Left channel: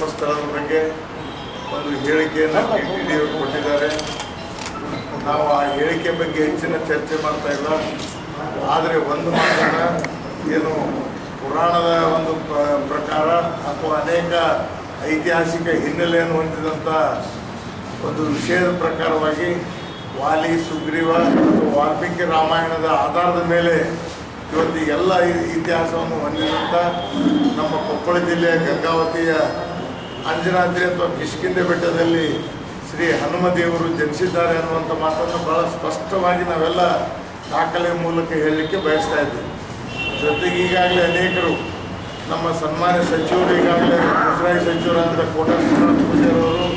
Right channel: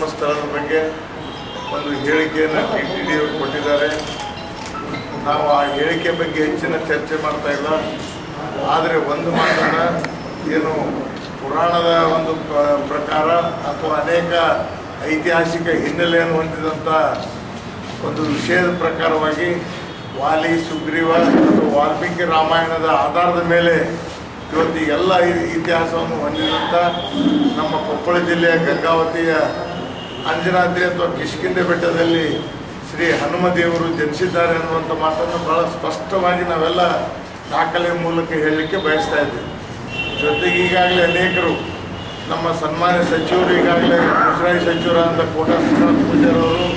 ಜನ್ಮಸ್ಥಳದ ಬಗ್ಗೆ ಒಂದು ಹೇಳಿಕೆಯನ್ನು TTD ಅವರು ಕೊಟ್ಟಿದ್ದಾರೆ. ನಾವು ಆ ಹೇಳಿಕೆ ಬಗ್ಗೆ ಹೆಚ್ಚಿನ ಚರ್ಚೆ ಮಾಡ್ತಾ ಇಲ್ಲ. ಆದರೆ ಒಂದು ಮಾತನ್ನು ಏನು ಪುರಾಣದ ಒಂದು ಪ್ರಕಾರ ಅಥವಾ ಅನೇಕ ಐತಿಹಾಸಿಕ ಹಿನ್ನೆಲೆಯನ್ನು ಹೊಂದಿದಂಥ ಒಂದು ವಿಷಯದ ಪ್ರಕಾರವಾಗಿ ವಾಲಿ ಸುಗ್ರೀವ ಮತ್ತು ವಾಲ್ಮೀಕಿ ರಾಮಾಯಣದ ಆಧಾರದ ಮೇಲೆ ಇವತ್ತು ಎಲ್ಲ ಇತಿಹಾಸವನ್ನು ಹೊಂದಿದಂಥ ನಮ್ಮ ಕೊಪ್ಪಳ ಜಿಲ್ಲೆಯ ಗಂಗಾವತಿಯ ಅಂಜನಾದ್ರಿ ಅಥವಾ ಕಿಷ್ಕಿಂಧೆ ಬೆಟ್ಟದಲ್ಲಿ ಶ್ರೀ ಹನುಮದೇವರು ಜನಿಸಿದ್ದಾರೆ ಅನ್ನುವಂಥ ಮಾತನ್ನು ಭಾಳ ಸ್ಪಷ್ಟವಾಗಿ ನಾವೆಲ್ಲ ದಾಖಲೆ ಮೂಲಕ ಹೇಳಲಿಕ್ಕೆ ಬಯಸ್ತಾ ಇದ್ದೀವಿ. ಜೊತೆಗೆ ಈಗಾಗಲೇ ಅನೇಕರು ನಮ್ಮ ಸನ್ಮಾನ್ಯ ಸಚಿವರು ಈಗಾಗಲೇ ಮುಜರಾಯಿ ಸಚಿವರಾದಂಥ ಕೋಟಾ ಶ್ರೀನಿವಾಸ ಪೂಜಾರವರು,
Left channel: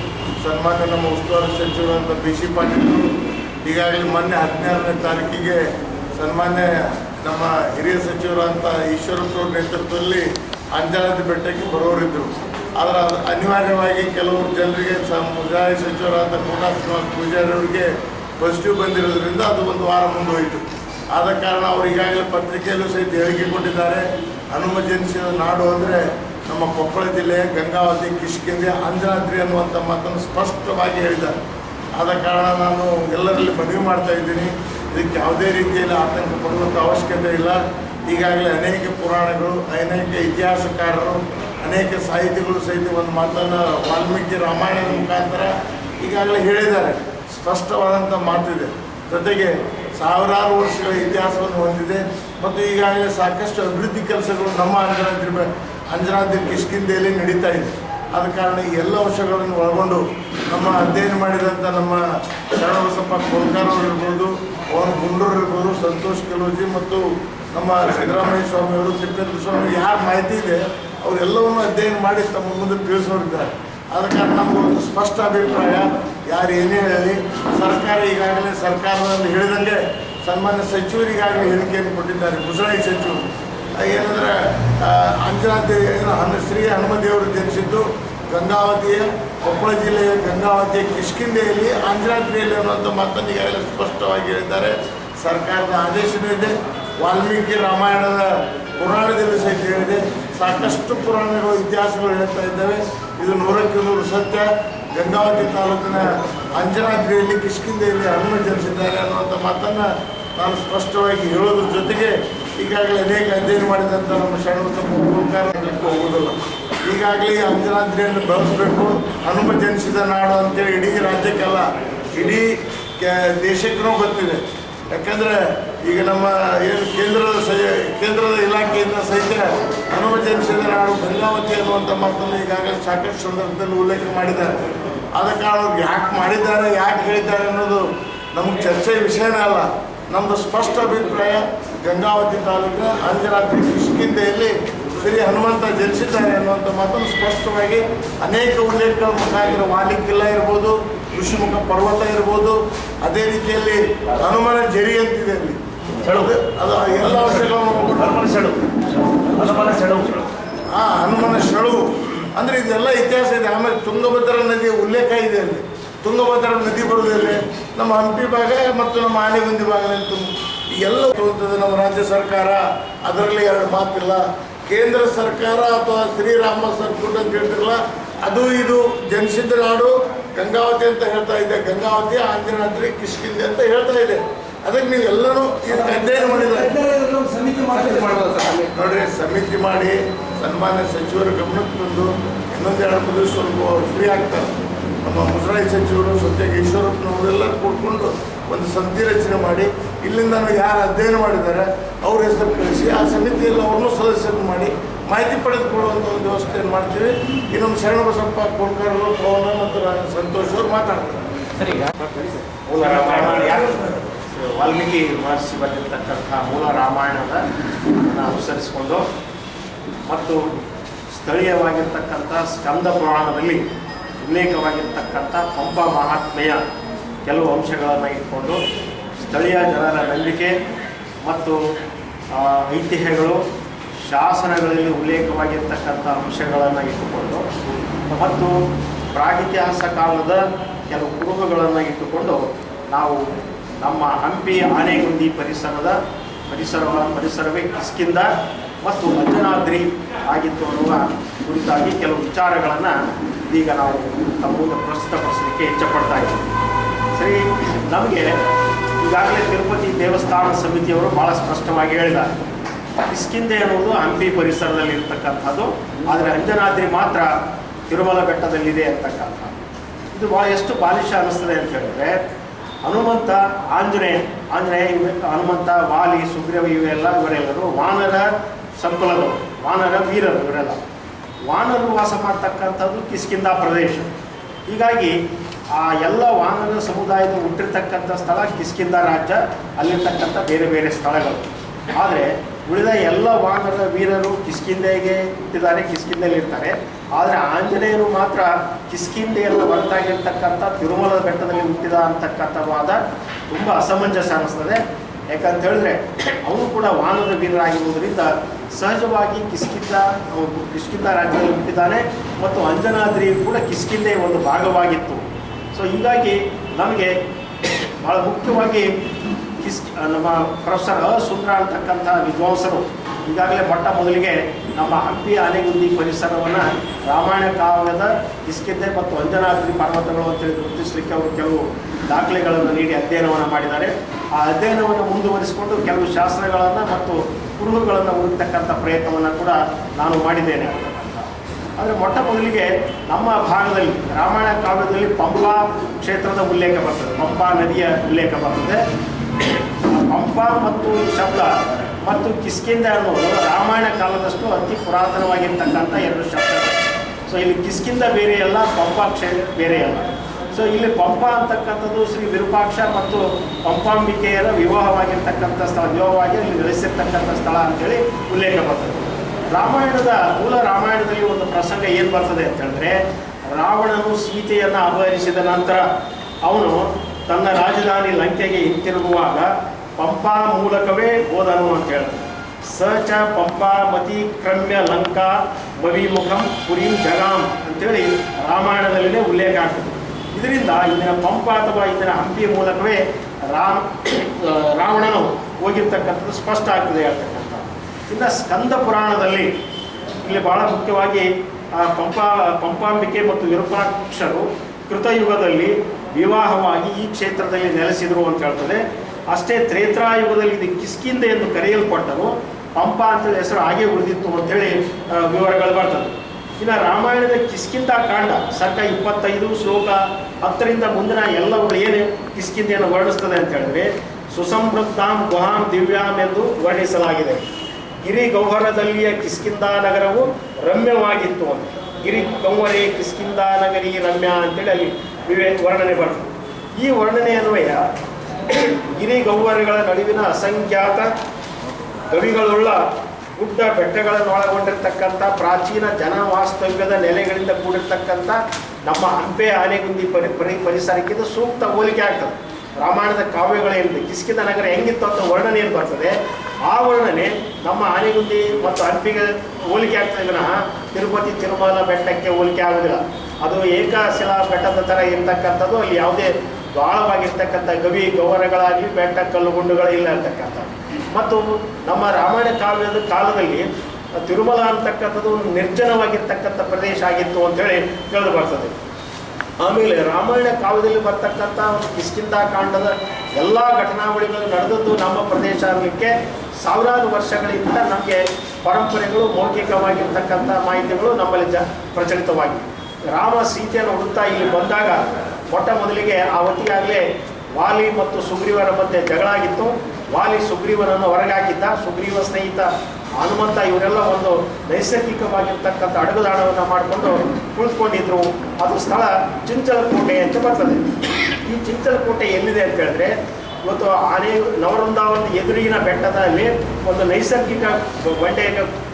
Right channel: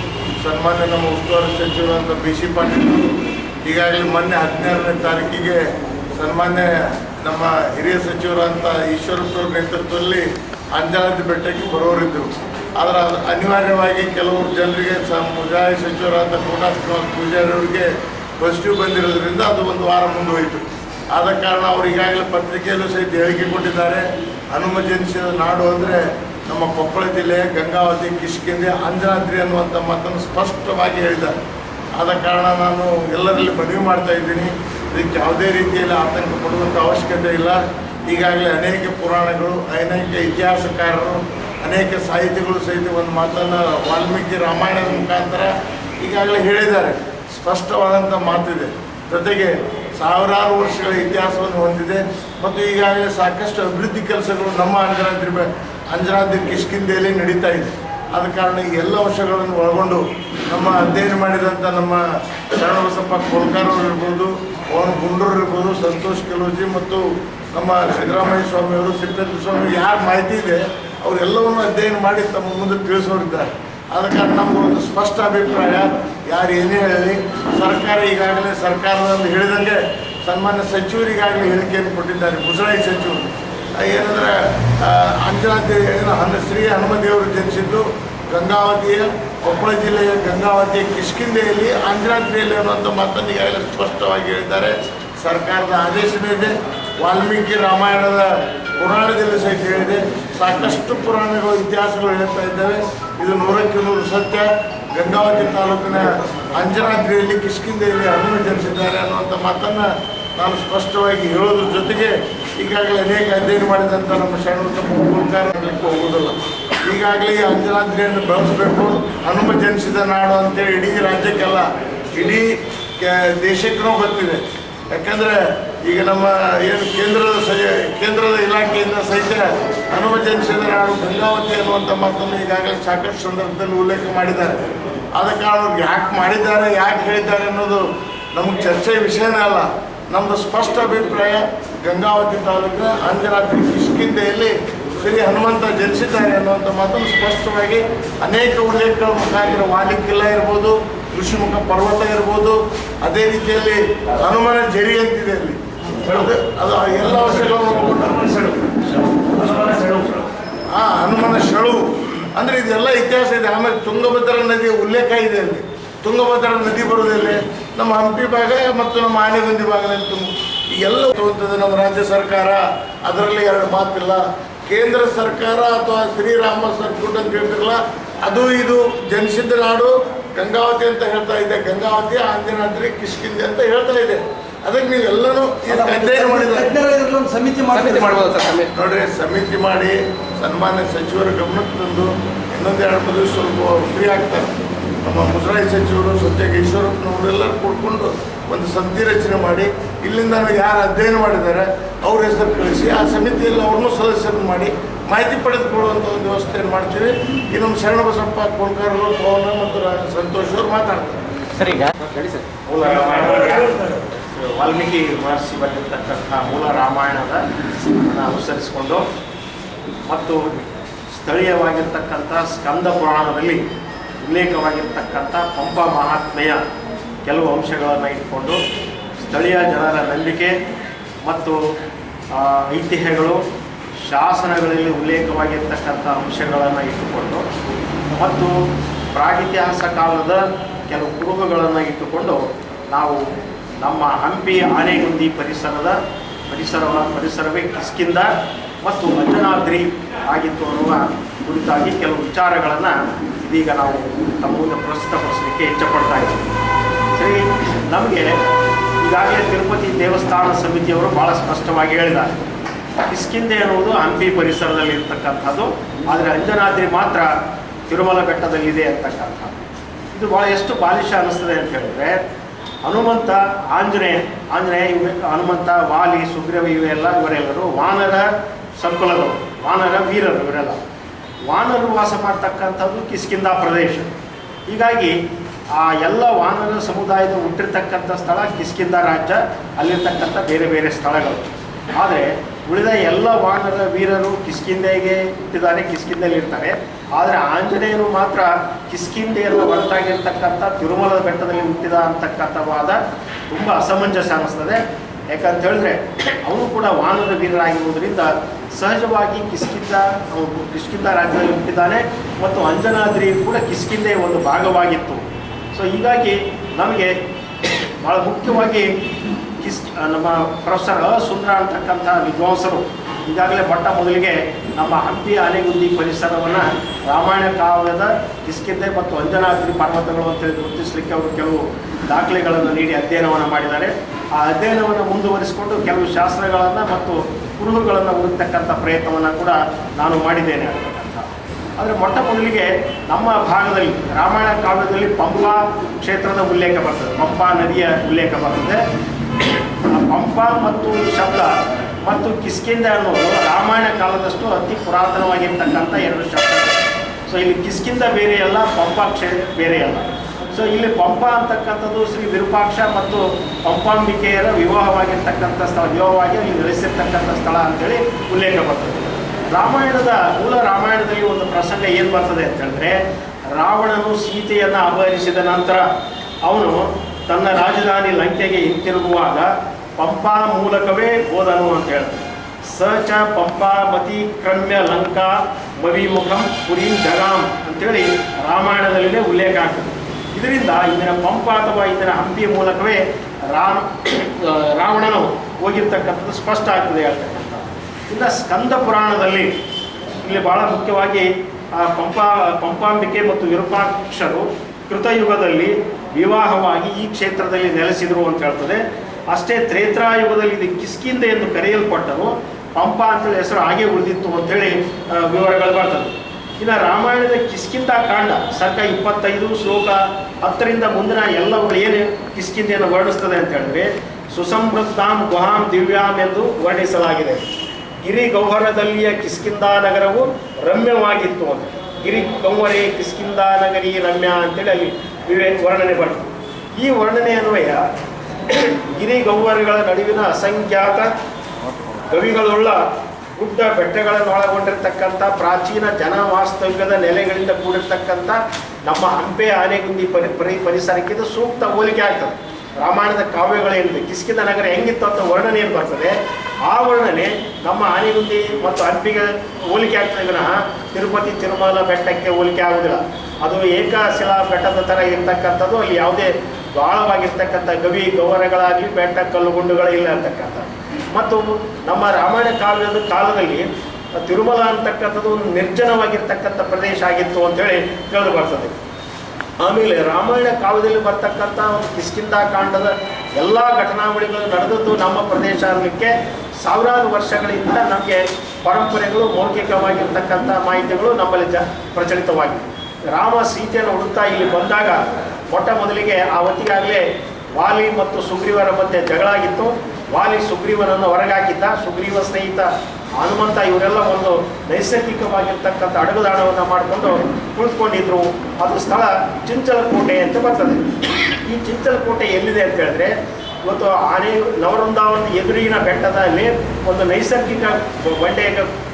ಸನ್ಮಾನ್ಯ ನಮ್ಮ ಉಸ್ತುವಾರಿ ಸಚಿವರಾದಂಥ BC ಪಾಟೀಲ್ ಈಗಾಗಲೇ ಮೊನ್ನೆ 16ನೇ ತಾರೀಕಿಗೆ ಸನ್ಮಾನ್ಯ ನಮ್ಮ ಹಿರಿಯ ಸಚಿವರಾದಂಥ ಈಶ್ವರಪ್ಪವ್ರ ನೇತೃತ್ವದಲ್ಲಿ ಅಂಜನಾದ್ರಿ ಬೆಟ್ಟಕ್ಕೆ ಬರೋರಿದ್ದರು. ಆದರೆ ಅದು ಅನಿವಾರ್ಯವಾಗಿ ಕೆಲವರು ಜನರಿಗೆ ಮುಜರಾಯಿ ಸಚಿವರಾದಂಥ ಕೋಟಾ ಶ್ರೀನಿವಾಸ ಪೂಜಾರವರಿಗೆ ಪಾಸಿಟಿವ್ ಬಂದಿರೋದ್ರಿಂದ ಅದು ಒಂದು ವಾರ ಮುಂದುವಯಿತು. ಆದ ಕಾರಣ ಅವರು ಈಗಾಗಲೇ ಪತ್ರಿಕೆಯಲ್ಲೂ ಸಹಿತ ಹೇಳಿಕೆ ಕೊಟ್ಟಿದ್ದಾರೆ. ಹನುಮ ಜನಿಸಿದ ನಾಡು ಅಂದರೆ ನಮ್ಮ ಕೊಪ್ಪಳ ಜಿಲ್ಲೆಯ ಗಂಗಾವತಿ, ಕಿಷ್ಕಿಂಧೆ, ಅಂಜನಾದ್ರಿ ಅನ್ನುವಂಥ ಮಾತನ್ನು ಸ್ಪಷ್ಟವಾಗಿ ಹೇಳಿದ್ದಾರೆ. ಆದ ಕಾರಣ ನಾನು ಎಲ್ಲರಲ್ಲಿ ಮನವಿ ಮಾಡ್ತಾ ಇದ್ದೀನಿ, ಇದಕ್ಕೆ ಯಾವುದೇ ರೀತಿಯಲ್ಲಿ ಆತಂಕ ಪಡುವಂಥ ಅವಶ್ಯಕತೆ ಇಲ್ಲ. ಈಗಾಗಲೇ ಅನೇಕ ಪುರಾಣಗಳು, ಅನೇಕ ಇತಿಹಾಸಕಾರರು, ಅನೇಕ ಸಾಹಿತಿಗಳು ಸಹಿತ ಒಂದು ಮಾತನ್ನು ವಾಲ್ಮೀಕಿ ರಾಮಾಯಣದ ಮುಖಾಂತರ ಈಗಾಗಲೇ ಹೇಳಿದ್ದಾರೆ. ಸ್ಪಷ್ಟವಾದಂಥ ಮಾತಿದೆ. ಜೊತೆಗೆ ಸಾವಿರಾರು ವರ್ಷಗಳ ಇತಿಹಾಸವನ್ನು ಹೊಂದಿದೆ ಮತ್ತು ಈಗಾಗಲೇ ಸಾಕಷ್ಟು ಅಭಿವೃದ್ಧಿ ಕೆಲಸಗಳು ನಮ್ಮ ಅಂಜನಾದ್ರಿ ಕಿಷ್ಕಿಂಧೆಯಲ್ಲಿ ನಡೀತಾ ಇದೆ. ಆದ ಕಾರಣ ಈ ಎಲ್ಲ ಅಂಶಗಳನ್ನು ಒಳಗೊಂಡು ನಮ್ಮ ಅಧ್ಯಯನ ಮಾಡಿದಂಥ ನಮ್ಮ ಶರಣಬಸಪ್ಪ ಕೋಲ್ಕಾರ್ ಅವರು ಇರ್ಬೋದು, ಪವನ್ ಗುಂಡೂರು ಇರ್ಬೋದು, ಸಂತೋಷ್ ಕೆಲೋಜಿ ಮತ್ತು ನಮ್ಮ ಸಿದ್ದರಾಮಯ್ಯ ಸ್ವಾಮಿಯವರು, ತಿಪ್ಪೇಂದ್ರ ಸ್ವಾಮಿ, ಯಾರು ಮಾಹಿತಿ ಇದೆ ಅವರೆಲ್ಲವನ್ನು ಅಧ್ಯಯನ ಮಾಡಿ ತಮ್ಮ ಮುಂದೆ ತಿಳಿಸೋರಿದ್ದಾರೆ. ಆದ ಕಾರಣ ನಮಗೂ ಒಂದು ಸ್ಪಷ್ಟ ಅಭಿಪ್ರಾಯ, ಯಾರು ಏನೇ ಹೇಳಿ ಸರ್ಕಾರ ಈಗಾಗಲೇ ಸರ್ಕಾರದಲ್ಲಿ ಹೇಳಿದಂಗೆ ಸನ್ಮಾನ್ಯ ಸಚಿವರು ಈಗಾಗಲೇ ಹೇಳಿಕೆಯನ್ನು ಕೊಟ್ಟಿದ್ದಾರೆ. ಮುಜರಾಯಿ ಸಚಿವರು ಏನಂದರೆ ಅಂಜನಾದ್ರಿ ಶ್ರೀ ಹನುಮದೇವರು ಜನಿಸಿದ್ದು ಗಂಗಾವತಿಯ ಕೊಪ್ಪಳ ಜಿಲ್ಲೆಯ ಗಂಗಾವತಿಯ ಕಿಷ್ಕಿಂಧೆಯಲ್ಲಿ ಅಂಜನಾದ್ರಿಯಲ್ಲಿ ಅನ್ನುವಂಥ ಮಾತನ್ನು ಈಗಾಗಲೇ ಸ್ಪಷ್ಟವಾಗಿ ಹೇಳಿದ್ದಾರೆ. ಸರ್ಕಾರದ ಆದೇಶವೇ ಇದೆ. ವಾಲ್ಮೀಕಿ ರಾಮಾಯಣದ ಪುರಾಣದಲ್ಲಿ ಸಹಿತ ಹೇಳಿದೆ. ಸಾಕಷ್ಟು ಪುರಾಣಗಳು, ಇತಿಹಾಸಗಳು ಹೇಳ್ತಾ ಇದ್ದಾವೆ. ಇದು 100ಕ್ಕೆ 100 ಸತ್ಯ. ಗಂಗಾವತಿ ತಾಲೂಕಿನ ಅಂಜನಾದ್ರಿಯಲ್ಲಿ ಕಿಷ್ಕಿಂಧೆಯಲ್ಲಿ ಹನುಮ ಜನಿಸಿದ್ದಾರೆ ಅನ್ನುವಂಥ ಮಾತನ್ನು ನಾನು ಸ್ಪಷ್ಟವಾಗಿ ಹೇಳೋದ್ರ ಜೊತೆಗೆ ಈಗಾಗಲೇ ಅನೇಕ ಅಧ್ಯಯನ ಮಾಡಿದಂಥ ನಮ್ಮ ಶರಣಬಸಪ್ಪ ಕೋಲ್ಕಾರ್ ಹೇಳಲಿಕ್ಕೆ ಹೋಗೋದಿಲ್ಲ. ಈಗಾಗಲೇ ಅಂಜನಾದ್ರಿಯನ್ನು ಬೆಳೆಸಬೇಕು, ಹನುಮ ಜನಿಸಿದ ನಾಡು ಅಂತೇಳಿ ಇಡೀ ರಾಜ್ಯಕ್ಕೆಲ್ಲ, ಇಡೀ ದೇಶಕ್ಕೂ ಗೊತ್ತಿದೆ. ಯಾಕಂದರೆ ಈಗ ನಮ್ಮ ಏನು ಕೇಂದ್ರದ ಇಲಾಖೆಯಿಂದ ಸಹಿತ ಹನುಮ ಜನಿಸಿದ ನಾಡು ಗಂಗಾವತಿ ಅನ್ನುವಂಥ ಮಾತನ್ನು ಈಗಾಗಲೇ ಸಾಕಷ್ಟು ಸಂದರ್ಭದಲ್ಲಿ ಉಲ್ಲೇಖ ಮಾಡಿದ್ದಾರೆ. ಆದ ಕಾರಣ ಅವ್ರಿಗೆ ಯಾಕೆ ಮಾಡಿದ್ದಾರೆ, ಯಾಕೆ ಹೇಳಿದ್ದಾರೆ ಅನ್ನೋದು ನಮಗೆ ಚರ್ಚೆಯ ವಿಷಯನೇ ಅಲ್ಲ. ನಮ್ಮದು ಸ್ಪಷ್ಟ ಅಭಿಪ್ರಾಯ, ಗಂಗಾವತಿ ತಾಲೂಕಿನ ಅಂಜನಾದ್ರಿ ಕಿಷ್ಕಿಂಧೆಯಲ್ಲಿ ಶ್ರೀ ಹನುಮಂತ ಜನಿಸಿದ್ದಾರೆ ಅನ್ನುವಂಥ ಮಾತನ್ನು ಸ್ಪಷ್ಟವಾಗಿ ಅನೇಕ ಉಲ್ಲೇಖಗಳ ಮುಖಾಂತರ ವಾಲಿ ಕಿಲ್ಲ ಇರ್ಬೋದು, ಋಷಿಮುಖ ಪರ್ವತ ಇರ್ಬೋದು, ಅದೇ ರೀತಿಯಲ್ಲಿ ಹನುಮನ ಜರಿ ಅಂತಿದೆ ಅಲ್ಲಿ, ಅದು ಎಲ್ಲ ವರ್ಷಗಳನ್ನು ಹನುಮನ ಶಳು ಅಂದರೆ ಇದೆಲ್ಲ ಇತಿಹಾಸ ಇದೆ. ಆಮೇಲೆ ತುಂಗಭದ್ರಾ ನದಿಯ ಉಲ್ಲೇಖ ಇದೆ ಅಲ್ಲಿ. ತುಂಗಭದ್ರಾ ನದಿ ಬರುವುದಲ್ಲಿ ನಮ್ಮ ಹಂಪಿ ಭಾಗ ಮತ್ತು ನಮ್ಮ ಆನೆಗುಂದಿ ಭಾಗದಲ್ಲಿ ಈ ಎಲ್ಲ ತೋರ್ತದೆ ನಮ್ಮ ರಾಜ್ಯ ಸರ್ಕಾರ. ಅದರಲ್ಲಿ ಎರಡು ಮಾತಿಲ್ಲ. ಕೇಂದ್ರ ಸರ್ಕಾರ ಅಥವಾ ಶ್ರೀರಾಮ ಸರ್ಕೂಟ್ ಅಂತ ಹೇಳ್ತಿರಲ್ಲ, ಅದು ಇದು ಜನಿಸಿದ ನಾಡು ಗಂಗಾವತಿ ಅಂತ ಹೇಳ್ತಾ ಇದೆ. ಗಂಗಾವತಿ, ಅಂಜನಾದ್ರಿ, ಕಿಷ್ಕಿಂಧೆ ಅಂತ ಹೇಳ್ತಾ ಇದೆ. ಅದಕ್ಕೆ ನೀವೆಲ್ಲನೂ ಅಧ್ಯಯನ ಮಾಡಿದ್ದಾರೆ. ನೋಡ್ರಿ, ಸಮಿತಿ ಮಾಡಿ ಸನ್ಮಾನ್ಯ ಸಚಿವರ ಗಮನಕ್ಕೆ ತಂದು ಇನ್ನೊಂದು 2 ದಿವಸ ಸ್ವಲ್ಪ ಫ್ರೀ ಆಗ್ತಾರೆ. ನಮ್ಮ ಮುಜರಾಯಿ ಸಚಿವರು, ಸತ್ಯಾಗಿ ಈಶ್ವರಪ್ಪನವರು ಎಲ್ಲರೂ ಕೂಡ್ಕೊಂಡು ಒಂದು ಸಮಿತಿ ರಚನೆ ಮಾಡಿ ಇಲ್ಲಿಂದ ಯಾರು ಅಧ್ಯಯನ ಮಾಡಿದ್ದಾರೆ ಅವ್ರ ಹೆಸರು ಕಳಿಸಿ ಆ ಸಮಿತಿಯಲ್ಲಿ ಅವ್ರನ್ನೂ ಸದಸ್ಯರನ್ನು ಮಾಡಿ ಮಾಹಿತಿ ಪಡೆದುಕೊಳ್ಳುವಂಥ ಒಂದು ವ್ಯವಸ್ಥೆಯನ್ನು ಮಾಡ್ತೀವಿ. ಇನ್ನೊಂದು ಶರಣಬಸಪ್ಪ ಕೋಲ್ಕಾರ್, ಪವನ ಮತ್ತು ಸಂತೋಷ್ ಅವರು ಮಾತಾಡ್ತಾರೆ. ವಾಲ್ಮೀಕಿ ಮಹರ್ಷಿ ಬರೆದಿರ್ತಕ್ಕಂಥ ಮೂಲ ರಾಮಾಯಣದ ಅನುಸರಿಸಿಕೊಂಡು ಮತ್ತು ಸ್ಥಳೀಯವಾಗಿರ್ತಕ್ಕಂಥ ಸ್ಕಂದ ಪುರಾಣದಲ್ಲಿ ಉಲ್ಲೇಖವಾಗಿರ್ತಕ್ಕಂಥ ಪಂಪ ಮಹಾತ್ಮೆಯ ಕೆಲವು ಅಂಶಗಳನ್ನು ಇಟ್ಕೊಂಡು ಸ್ಥಳೀಯ ಜನರ ನಂಬಿಕೆ ಮತ್ತು ಐತಿಹ್ಯಗಳು, ಶಾಸನಗಳಲ್ಲಿ ಉಲ್ಲೇಖವಾಗಿರ್ತಕ್ಕಂಥ ಅಂಶಗಳನ್ನು ಇಟ್ಟುಕೊಂಡು ಮತ್ತು ಪ್ರಾಗಿತಿಹಾಸ ಕಾಲದ ಕೆಲವು ಕುರುಹುಗಳನ್ನು ಇಟ್ಟುಕೊಂಡು ನಾವು ನಮ್ಮ ಹಂಪಿ ಆನೆಗುಂದಿ ಪರಿಸರವೇ ಕಿಷ್ಕಿಂಧೆ ಮತ್ತು ಅಂಜನಾದ್ರಿ ಆಗಿತ್ತು ಅನ್ನುವ ಕುರಿತಾಗಿ ಕೆಲವು ವಿಚಾರಗಳನ್ನು ಇದೀಗ ನಾವು ತಮ್ಮ ಮುಂದೆ ಪ್ರಸ್ತುತಪಡಿಸಲಿಕ್ಕೆ ಇಚ್ಛಪಡ್ತಾ ಇದ್ದೀವಿ. ಸರಿ, ನಮಗೆ ಈಗಾಗಲೇ ತಿರುಪತಿ ದೇವಸ್ಥಾನ ಸಮಿತಿಯವರು ಭಾಳ ಸ್ಪಷ್ಟವಾಗಿ ಹೇಳಿದ್ದಾರೆ, ಕಿಷ್ಕಿಂಧೆ ಎನ್ನುವುದು ಹಂಪಿ ಪರಿಸರದಲ್ಲಿ ಇರ್ತಕ್ಕಂಥದ್ದು, ಆದರೆ ಅಂಜನಾದ್ರಿ ಮಾತ್ರ ತಿರುಮಲ ಬೆಟ್ಟದಲ್ಲಿದೆ ಅಂತಕ್ಕಂಥದ್ದು. ಇದು ಭಾಳ ಎಷ್ಟು ಬಾಲಿಶ ಅನ್ನಿಸ್ತದೆ ಅಂತ ಹೇಳಿದ್ರೆ, ಹನುಮಂತ, ಆಂಜನೇಯ ಹನುಮಂತ, ವಾಲಿ, ಸುಗ್ರೀವ ಇವರೆಲ್ಲರೂ ವಾನರ ಸಂಕುಲದವರು, ವಾನರ ವೀರರು. ಇವರೆಲ್ಲ ವಾನರು ವಾಸ ಮಾಡ್ತಕ್ಕಂಥದ್ದು ಕಿಷ್ಕಿಂಧ ಪ್ರದೇಶ. ಹೀಗಾಗಿ ಆ ಎಲ್ಲ ವಾನರ ಸಮುದಾಯದ ಹುಟ್ಟಿರ್ತಕ್ಕಂಥ ಸ್ಥಳ ಕಿಷ್ಕಿಂಧ ರಾಜ್ಯ, ಅಲ್ಲಿರ್ತಕ್ಕಂಥ ಬೇರೆ ಬೇರೆ ಸ್ಥಳಗಳು. ಆದರೆ ಉಳಿದ ಎಲ್ಲ ವಾನರ ವೀರರು ಕಿಷ್ಕಿಂಧೆಗೆ ಹುಟ್ಟಿದ್ದಾರೆ, ಕಿಷ್ಕಿಂಧೆಯಲ್ಲಿ ಇರ್ತಾರೆ. ಆದರೆ ಆಂಜನೇಯರು ಮಾತ್ರ ಕಿಷ್ಕಿಂಧೆಯನ್ನು ಹೊರತಾಗಿರ್ತಕ್ಕಂಥ ತಿರುಮಲದ ಬೆಟ್ಟದಲ್ಲಿ ಹುಟ್ಟಿದ ಅಂತಕ್ಕಂಥ ವಾದ ತುಂಬ ಅಸಮಂಜಸ ಅನ್ನಿಸ್ತದೆ. ಯಾಕಂತ ಹೇಳಿದ್ರೆ ಅವನು ಕೂಡ ವಾನರ ವೀರರಾಗಿರುವುದರಿಂದ ಸಹಜವಾಗಿ ಕಿಷ್ಕಿಂಧ ರಾಜ್ಯದಲ್ಲಿ ಹುಟ್ಟಿದ್ದಾನೆ ಮತ್ತು ಅಂಜನಾದ್ರಿ ಕೂಡ ಕಿಷ್ಕಿಂಧೆಯ ಒಂದು ಭಾಗವಾಗಿತ್ತು. ಸೊ ಹೀಗಾಗಿ ನಮಗೆ ಭಾಳ ಮುಖ್ಯವಾಗಿ ನಮ್ಮ ಪ್ರೊಫೆಸರ್ ಸುಂದರ ಅಂತಕ್ಕಂಥ ವಿದ್ವಾಂಸರು ಈಗಾಗಲೇ ಮೊಟ್ಟ ಮೊದಲಿಗೆ ನಮ್ಮ ಹಂಪಿ ಆನೆಗುಂದಿ ಪರಿಸರವನ್ನು ರಾಮಾಯಣ ಕಾವ್ಯದ ಕಿಷ್ಕಿಂಧೆ ಮತ್ತು ಅಂಜನಾದ್ರಿ ಪರ್ವತಗಳು ಅಂತೇಳಿ ಗುರುತಿಸಲಿಕ್ಕೆ ಅವರು ಕೆಲವು ದಾಖಲೆಗಳನ್ನು ನೀಡಿ ಅಧ್ಯಯನವನ್ನು ಮಾಡಿದ್ದಾರೆ. ಆ ಅಧ್ಯಯನವನ್ನು ಮುಂದುವರಿಸಿಕೊಂಡು ಕೆಲವು ಶಾಸ್ತ್ರಗಳನ್ನು ಮತ್ತು ಕುರುಹುಗಳನ್ನು ಹುಡುಕ್ತಕ್ಕಂಥ ಪ್ರಯತ್ನವನ್ನು ಕೂಡ ನಾನು ಮಾಡಿದ್ದೇನೆ ಅಂತಕ್ಕಂಥ. ಆದರೆ ಮೊಟ್ಟ ಮೊದಲಿಗೆ ನಮ್ಮ ಭಾಗದಲ್ಲಿ ರಾಮಾಯಣ ಕಾವ್ಯದಲ್ಲಿ ಪಂಪಾ ಕ್ಷೇತ್ರದ ಉಲ್ಲೇಖ ಬರ್ತದೆ, ಪಂಪಾ ನದಿಯ ಉಲ್ಲೇಖ ಬರ್ತದೆ. ಪಂಪಾ ಮತ್ತು ಶಬ್ದ ಮತ್ತು ಕಿಷ್ಕಿಂಧೆ ಅನ್ನೋದು ರಾಮಾಯಣ ಕಾಲದಷ್ಟು ಅತಿ ಪುರಾತನವಾಗಿರ್ತಕ್ಕಂಥ ಎರಡು ಶಬ್ದಗಳು. ಸೊ ಇಲ್ಲಿ ಕಿಷ್ಕಿಂಧೆ ಬೇರೆಯಲ್ಲ, ಪಂಪಾ ಬೇರೆಯಲ್ಲ. ಸೊ ಇಲ್ಲಿ ಪಂಪಾ ಅಂತಕ್ಕಂಥದ್ದು ಶ್ರೀ ವಿರೂಪಾಕ್ಷ ಮತ್ತು ಪಂಪಾಂಬಿಕೆಯರ ವಿವಾಹವಾಗಿರ್ತಕ್ಕಂಥ ಸ್ಥಳ, ವಿವಾಹವಾಗಿ ಇಲ್ಲಿ ನೆಲೆಸಿರ್ತಕ್ಕಂಥ ಸ್ಥಳ ಅಂತೇಳಿ ಉಲ್ಲೇಖ ಬರ್ತದೆ. ಮೂಲ ರಾಮಾಯಣದಲ್ಲಿ ಒಂದು ಪ್ರಸಂಗ ಏನು ಬರ್ತದೆ ಅಂತ ಹೇಳಿದ್ರೆ, ರಾವಣನು ಸೀತೆಯನ್ನು ಅಪಹರಿಸಿದ ನಂತರ ಅವನು ತನ್ನ ರಾಜಧಾನಿ ಲಂಕೆಗೆ ಹಿಂತಿರುಗುವಾಗ ಪಂಪಾ ಮೂಲಕವೇ ಹೋದನು ಅಂತ ಹೇಳ್ತಾರೆ. ಸ ಚ ಪಂಪಾ ಮತಿಕ್ರಮ್ಯ ಲಂಕಾ ಮವಿಮುಖಂ ಪುರೀಂ ಜಗಾಮ್ ಅಂತೇಳಿ ರಾಮಾಯಣದಲ್ಲಿನೇ ಉಲ್ಲೇಖ ಆಗ್ತದೆ. ಇದರಿಂದ ಇಂದಿನ ಪಂಪಾ ಅಥವಾ ಇಂದಿನ ಹಂಪಿಯ ಮೂಲಕವೇ ರಾವಣನು ಹೋಗಿರ್ತಕ್ಕಂಥದ್ದು ಸ್ಪಷ್ಟ ಆಗ್ತದೆ ಹೇಳ್ತಕ್ಕಂಥ. ಇನ್ನು ಸ್ಕಂದ ಪುರಾಣದಲ್ಲಿ ಇಲ್ಲಿ ಭಾಳ ಮುಖ್ಯವಾಗಿ ಪಂಪಾಂಬಿಕೆ ಮತ್ತು ವಿರೂಪಾಕ್ಷರು ಕೃತಯುಗದಲ್ಲಿ ವಿವಾಹವಾಗಿ ಈ ಕ್ಷೇತ್ರದಲ್ಲಿ ನೆಲೆಸಿದರು ಅಂತ ಹೇಳ್ತದೆ. ಅಷ್ಟೇ ತ್ರೇತಾಯುಗದಲ್ಲಿ ಇದು ಕಿಷ್ಕಿಂಧೆ ಎಂದು ಕರೆಯಲ್ಪಟ್ಟರು, ಪಂಪಾ ಅಂತೇಳಿ ಹೆಸರು ಹಾಗೆ ಉಳಿದಿತ್ತು ಅಂಥೇಳಿ ವಿವರಗಳು ಬರ್ತದೆ. ಇನ್ನು ರಾಮಾಯಣದ ಕಿಷ್ಕಿಂಧ ಕಾಂಡ ಸರ್ಕ 25 ಶ್ಲೋಕ 10ರಿಂದ ಮುಂದಿನ ಎಲ್ಲವುಗಳು ಏನು ಕಿಷ್ಕಿಂಧೆಯನ್ನು ವರ್ಣಿಸ್ತದೆ ಅಂತ ಹೇಳಿದ್ರೆ, ಸುಸಮೃದ್ಧಾಂ ಗುಹಾಂ ದಿವ್ಯಾಂ ಎಂದು ವರ್ಣಿಸಲಾಗಿದೆ. ಗಿರಿ ಗೌಹರದಲ್ಲಿಯ ಕಿಷ್ಕಿಂಧ ನಗರವು ರಮ್ಯವಾಗಿತ್ತು ಅಂತ. ಗಿರಿ ಗೌಹರೆ ಕಿಷ್ಕಿಂಧ ನಗರಿ ರಮ್ಯ ಅಂತೇಳಿ ಅಲ್ಲಿ ವರ್ಣನೆ ಬರ್ತದೆ. ಈ ವರ್ಣನೆ ಅನ್ವಯ ಗಿರಿ ಗೌಹರಗಳ ನಡುವಿನ ಅಸಂಖ್ಯಾತ ಕವಿಗಳುಳ್ಳ ಗುಡ್ಡ ಬೆಟ್ಟಗಳನ್ನು ಒಳಗೊಂಡಿರ್ತಕ್ಕಂಥ ಪ್ರಾಚೀನ ಜನವಾಸ್ತವ್ಯದ ನೆಲೆಗಳಿಂದ ಕೂಡಿರ್ತಕ್ಕಂಥ ನಮ್ಮ ಹಂಪೆ ಆನೆಗುಂದಿ ಪರಿಸರಕ್ಕಿಂತ ಸೂಕ್ತ ಹೋಲಿಕೆ ಆಗ್ತದೆ. ರಾಮಾಯಣದ ಕಾವ್ಯಗಳೇನಿದೆ, ಕಿಷ್ಕಿಂಧ ನಗರ ಹೆಂಗಿತ್ತು ಅಂತ ವರ್ಣನೆ ಏನು ಬರ್ತದೆ, ಆ ವರ್ಣನೆ ನಮ್ಮ ಆನೆಗುಂದಿ ಮತ್ತು ಹಂಪಿಗೆ ಹೋಲಿಕೆ ಆಗ್ತದೆ ವಿನಃ ತಿರುಪತಿ ತಿರುಮಲ ಬೆಟ್ಟಕ್ಕೆ ಹೋಲಿಕೆ ಆಗೋದಿಲ್ಲ. ಅದು ಏಕಶಿಲಾ ಬೆಟ್ಟದ ಥರ ಇರ್ತಕ್ಕಂಥದ್ದು, ಅಲ್ಲಿ ಯಾವುದೇ ಗಾಳವಾಗಿರ್ತಕ್ಕಂಥ ಗವಿ ಗೌರಗಳಾಗಲಿ ಬೆಟ್ಟ ಕಲ್ಲುಗುಂಡುಗಳು ಇಲ್ಲ ಅಂತಕ್ಕಂಥ. ಮತ್ತು ನಮ್ಮ ರಾಮಾಯಣ ಕಾವ್ಯದ ಕಾಲದಲ್ಲಿ ತಿರುಮಲ ಅಂತಕ್ಕಂಥದ್ದು ಒಂದು ನಿರ್ಜನವಾಗಿರ್ತಕ್ಕಂಥ ಪ್ರದೇಶ ಆಗಿತ್ತು ಅಂಥೇಳಿ ತಿಳಿದು ಬರ್ತದೆ. ಆಮೇಲೆ ರಾಮಾಯಣ ಕಾವ್ಯದಲ್ಲಿ ಬರ್ತಕ್ಕಂಥ ಒಂದು ಕಿಷ್ಕಿಂಧ ಕಾಂಡದ ಎಲ್ಲ ಘಟನಾವಳಿಗಳು ನಡೆದದ್ದು ನಮ್ಮ ಪ್ರದೇಶ ಅನ್ನಲಿಕ್ಕೆ ಸಾವಿರಾರು ವರ್ಷಗಳಿಂದ ನಮಗೆ ಪರಂಪರೆಗಳು, ಮೌಖಿಕವಾಗಿರ್ತಕ್ಕಂಥ ಮಾಹಿತಿಗಳು ನಮ್ಮಲ್ಲಿ ಪ್ರಚಲಿತವಾಗಿವೆ. ರಾಮ ಸೀತೆಯನ್ನು ಹುಡುಕ್ತಾ ಇಲ್ಲಿ ಬಂದಾಗ ಮೊಟ್ಟ ಮೊದಲಿಗೆ ಆ ಹೊತ್ತಿಗಾಗಲೇ ವಾಲಿ ಮತ್ತು ಸುಗ್ರೀವರ ಮಧ್ಯೆ ಜಗಳ ಆಗಿತ್ತು. ವಾಲಿ ಸುಗ್ರೀವನನ್ನು ಹೊರಗಾಕಿದ್ದ. ಸುಗ್ರೀವ ಸ್ನೇಹಿತ ಹನುಮಂತ ಇವರೆಲ್ಲ ಒಂದು ನೈಸರ್ಗಿಕವಾಗಿರ್ತಕ್ಕಂಥ ಅಡಗುದಾಣವನ್ನು ಮಾಡಿಕೊಂಡು ಕುಳಿತುಕೊಂಡಿದ್ರು. ಅದು ಸ್ಥಳ ಚಿಂಚಲಕೋಟೆ ಅಂತ ಬರ್ತದೆ. ಈ ಚಿಂಚಲಕೋಟೆ ಎಲ್ಲಿದೆ ಅಂತ ಹೇಳಿದ್ರೆ, ಇವತ್ತು ನವವೃಂದಾವನ ಎದುರಿನ ಬೆಟ್ಟದಲ್ಲಿ ಒಂದು ನೈಸರ್ಗಿಕ ಬಂಡೆ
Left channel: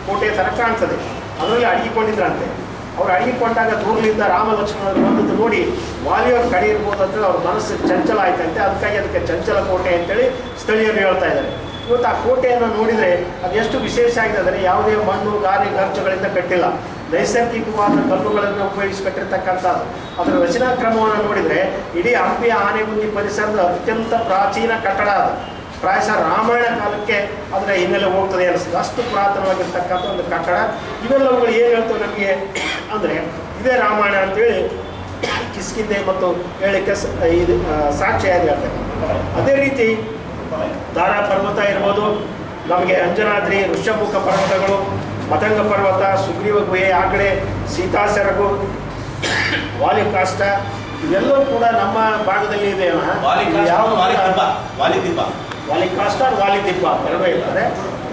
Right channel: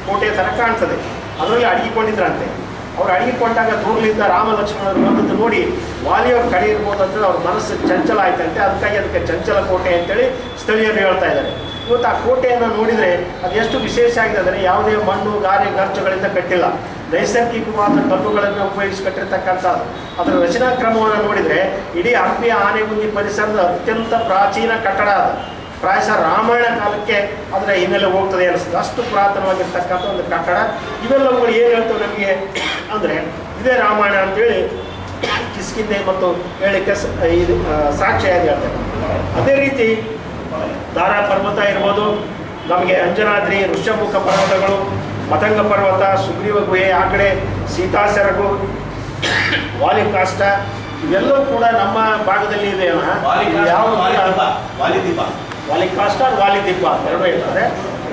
ಕೋಟೆ ಥರ ಕಾಣ್ತದೆ. ಅದರಲ್ಲಿ ಅಡಗಿಕೊಂಡಿದ್ರಂತೆ. ಅವ್ರು ಅಡಗಿಕೊಂಡಾಗ ದೂರಲಿಂದ ರಾಮ ಲಕ್ಷ್ಮಣರು ಬಂದದ್ದು ನೋಡಿ ವಾಲಿಯವ್ರ ಕಡೆ ಇರ್ಬೋದು ಅಂತೇಳಿ ಅವ್ರ ಮನಸ್ಸು ಚಂಚಲ ಆಯ್ತಂತೆ. ಅದಕ್ಕೆ ಚಂಚಲ ಕೋಟೆ ಅಂತೇಳಿ ಸ್ಥಳೀಯರು ಹೇಳ್ತಾ ಇದ್ದಾರೆ. ಇವತ್ತು ಆ ಕೋಟೆಯನ್ನು ನೋಡಿದರೆ ಅದು ಎಷ್ಟು ವಿಶೇಷ ಆಗಿದೆ ಅಂದರೆ, ಯಾವುದೇ ಮಣ್ಣು ಗಾರೆ ಗರ್ಚುಗಳಿಂದ ಕಟ್ಟಿಲ್ಲ, ನೈಸರ್ಗಿಕವಾದ ಕಲ್ಲುಗಳನ್ನು ಉಪಯೋಗಿಸಿ ಕಟ್ಟಿರ್ತಕ್ಕಂಥದ್ದು. ಅದರ ರಚನಾ ಕ್ರಮವನ್ನು ನೋಡಿದರೆ ಇಡೀ ಹಂಪಿಯ ಆನೆಗುಂದಿ ಪರಿಸರದ ಅತ್ಯಂತ ಪ್ರಾಚೀನ ಕಟ್ಟಡ ಅದು. ಪ್ರಾಯಶಃ ರಾಮಾಯಣ ಕಾಲಕ್ಕೆ ಅದರ ಹಿನ್ನೆಲೆ ಹೋಗ್ತದೆ ಅನಿಸ್ತದೆ. ಅಷ್ಟು ಪುರಾತನವಾಗಿರ್ತಕ್ಕಂಥ ಒಂದು ಕಟ್ಟಡ. ಇವೆಲ್ಲವುಗಳು ಏನು ಹೇಳ್ತವೆ ನಮಗೆ ಅಂದರೆ ಇದೇ ರಾಮಾಯಣ ಅಂತೇಳಿ ಕಿಷ್ಕಿಂಧೆ ಮತ್ತು ಹೇಳಲಿಕ್ಕೆ ಇದು ಸಾಕ್ಷಿಯಾಗಿ ಹೇಳ್ತೇವೆ. ಅದೇ ರೀತಿ ದಾರಾ ಪರ್ವತ ಇರ್ಬೋದು, ನಮಗೆ ಅಂಜನಾದ್ರಿ, ಋಷ್ಯಮುಖ ಪರ್ವತಗಳು, ಮತಂಗ ಪರ್ವತ, ಸುಗ್ರೀವ ಗುಹೆ, ಆ ಕಡೆ ಸೀತಾಸೆರಗು, ವಾಲಿಕಾಷ್ಟ, ಇವೆಲ್ಲವೂ ಕೂಡ ನಮ್ಮ ಭಾಗದಲ್ಲಿ ಇದೆ. ವಾಲಿಕಾಷ್ಟ, ವಾಲಿದಿಬ್ಬ ಎರಡೂ ಇರ್ತದೆ.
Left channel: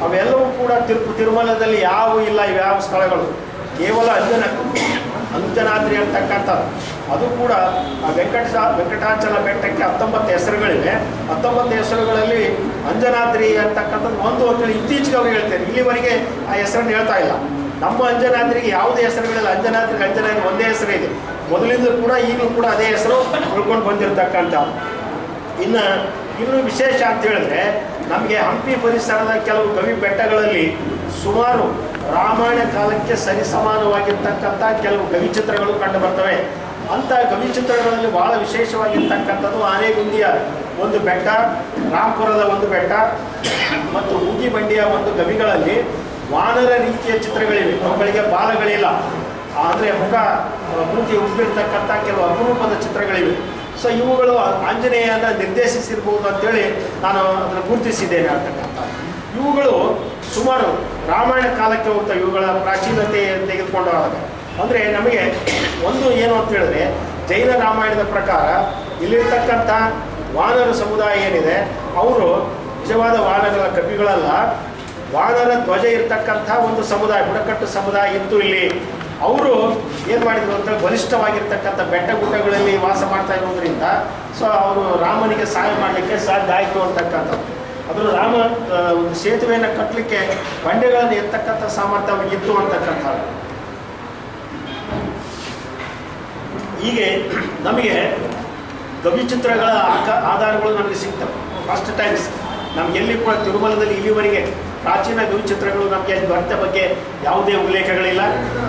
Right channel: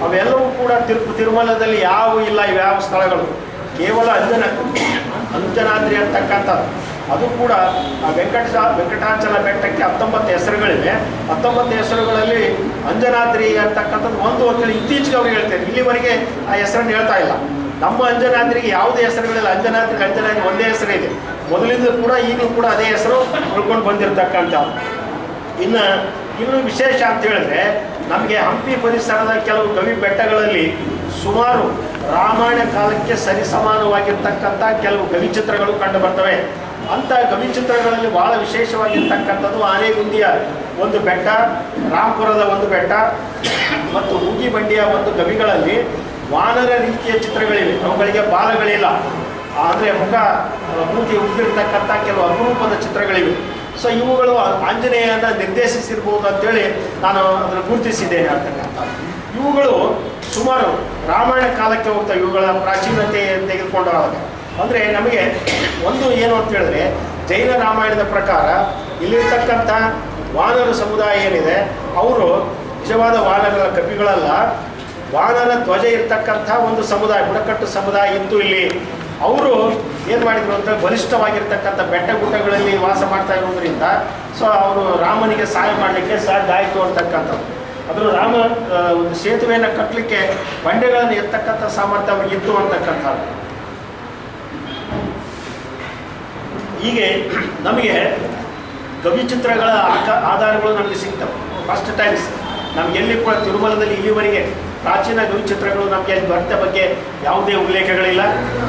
ಅವೆಲ್ಲವೂ ಕೂಡ ತಿರುಮಲದಲ್ಲಿ ಯಾವ ಇಲ್ಲ, ಇವ್ಯಾವ ಸ್ಥಳಗಳು ಕೇವಲ ಅಂಜನಾದ್ರಿ ಅಂತಕ್ಕಂಥದ್ದು. ಅದು ಕೂಡ ವೆಂಕಟಾಚಲ ಬೆಟ್ಟಕ್ಕೆ 19 ಹೆಸರುಗಳಿವೆ. 19 ಹೆಸರುಗಳಲ್ಲಿ ಅಂಜನಾದ್ರಿ ಅಂತಕ್ಕಂಥದ್ದು ಒಂದು ಅಂತೇಳಿ ಇತ್ತೀಚೆಗೆ ಅವ್ರು ಹೇಳ್ತಾರೆ. ಇಲ್ಲಿವರೆಗೆ ಆ ಹೆಸರನ್ನು ಹೇಳ್ತಾ ಇಲ್ಲ. ನಮ್ಮ ಅಂಜನಾದ್ರಿಗೆ ಯಾವುದೇ ಹೆಸರುಗಳಿಲ್ಲ. ಅಂಜನಾದ್ರಿ ಒಂದೇ ಹೆಸರು ಇದೆ. ಮೊದಲಿಂದ ಕೂಡ ಈಗಲೂ ಕೂಡ ಅದೇ ಹೆಸರು ಉಳ್ಕೊಂಡು ಬಂದಿರತಕ್ಕಂಥದ್ದು. ಇನ್ನು ವಿಶೇಷ ಅಂತ ಹೇಳಿದ್ರೆ ನಮಗೆ ಹಂಪಿ ಪರಿಸರದ ಕೆಲವು ಗವಿ ಬೆಟ್ಟಗಳಲ್ಲಿ ಸುಮಾರು ರಾಮಾಯಣ ಕಾಲಕ್ಕೆ ಸರಿಸಮಾನವಾಗಿರ್ತಕ್ಕಂಥ ಕೆಲವು ಗವಿಚಿತ್ರಗಳು ಕಂಡು ಬರ್ತವೆ. ಅಂಥ ಗವಿಚಿತ್ರಗಳಲ್ಲಿ ಭಾಳ ವಿಶೇಷವಾಗಿರ್ತಕ್ಕಂಥದ್ದು ಆನೆಗುಂದಿಯ ಒಂದು ಬೆಟ್ಟ, ರಾಂಪುರದ ಒಂದು ಬೆಟ್ಟ ಮತ್ತು ಮೂಗಿಬಂಡಿಯ ಒಂದು ಗವಿಗಳಲ್ಲಿ ವಾನರ ರೀತಿಯ ಚಿತ್ರಗಳಿವೆ. ಅವುಗಳಿಗೆ ಬಾಲಗಳಿಲ್ಲ, ಅಂದರೆ ಮೂತಿ ಉಬ್ಬಿರ್ತಕ್ಕಂಥ ಕೆಲವು ಅಪರೂಪದ ಚಿತ್ರಗಳಿವೆ. ಸೊ ಇವುಗಳು ಆಂಜನೇಯನ ನಿರ್ದೇಶಿಸಿರ್ಬೋದು ಅಂತೇಳಿ ನಾನು ಅದನ್ನು ಗುರುತಿಸಿದ್ದೇನೆ ಅಂತಕ್ಕಂಥ. ಇವುಗಳು ಸುಮಾರು ರಾಮಾಯಣ ಕಾಲಕ್ಕೆ ಹೋಗ್ತವೆ. ಇವುಗಳ ಪ್ರಾಚೀನತೆ ತೆಗೆದುಕೊಂಡಾಗ ಅಂದರೆ ನಮಗೆ ಒಂದು ಏನು ಅಂತ ಹೇಳಿದ್ರೆ, ಜೈನ ರಾಮಾಯಣದ ಪ್ರಕಾರ ಇಲ್ಲಿರ್ತಕ್ಕಂಥ ವಾನರ ಸಮುದಾಯ ಏನಿದೆ ಅವರು ನಿಜವಾದ ವಾನರಗಳ ಕಪಿಗಳಲ್ಲ, ವಾನರ ಧ್ವಜ ಇರ್ತಕ್ಕಂಥ ಒಂದು ಸಮುದಾಯ, ಬುಡಕಟ್ಟು ಸಮುದಾಯ ಇತ್ತು ಇಲ್ಲಿ. ಅವರು ಏನು ಮಾಡಿದರು ಅಂತ ಬಲಿಷ್ಠವಾಗಿರ್ತಕ್ಕಂಥ ಬೆಟ್ಟ ಗುಡ್ಡಗಳಲ್ಲಿ ವಾಸ ಮಾಡ್ತಾ ಇರೋದ್ರಿಂದ ಸೊ ಅವರು ರಾಮನಿಗೆ ಸಹಾಯ ಮಾಡಲಿಕ್ಕೆ ಸಾಧ್ಯ ಆಯಿತು ಅಂತಕ್ಕಂಥದ್ದು. ಅದರ ರಾಮ ಒಂದು ಸೇತುವೆಯನ್ನು ಕಟ್ಟಲಿಕ್ಕೆ ಬಂಡೆಗಳನ್ನು ಎತ್ತಕ್ಕಂಥ ಸಾಮರ್ಥ್ಯ ಅವ್ರಿಗೆ ಇತ್ತು ಅಂತಕ್ಕಂಥದ್ದು. ಹೀಗೆ ನಮಗೆ ಗವಿಚಿತ್ರಗಳ ಆಧಾರಗಳು ನಮಗೆ ಸಿಗ್ತವೆ. ಫಸ್ಟ್ ಟೈಮ್ಸ್ ನಮ್ಗೆ ಎಲ್ಲಿ ಕೂಡ ತಿರುಮಲದಲ್ಲಿ ಇಲ್ಲಿವರೆಗೆ ಪ್ರಾಚೀನ ಗವಿಚಿತ್ರಗಳು ನಮಗೆ ದೊರೆತ ಬಗ್ಗೆ ಯಾವುದೇ ಉಲ್ಲೇಖಗಳಿಲ್ಲ.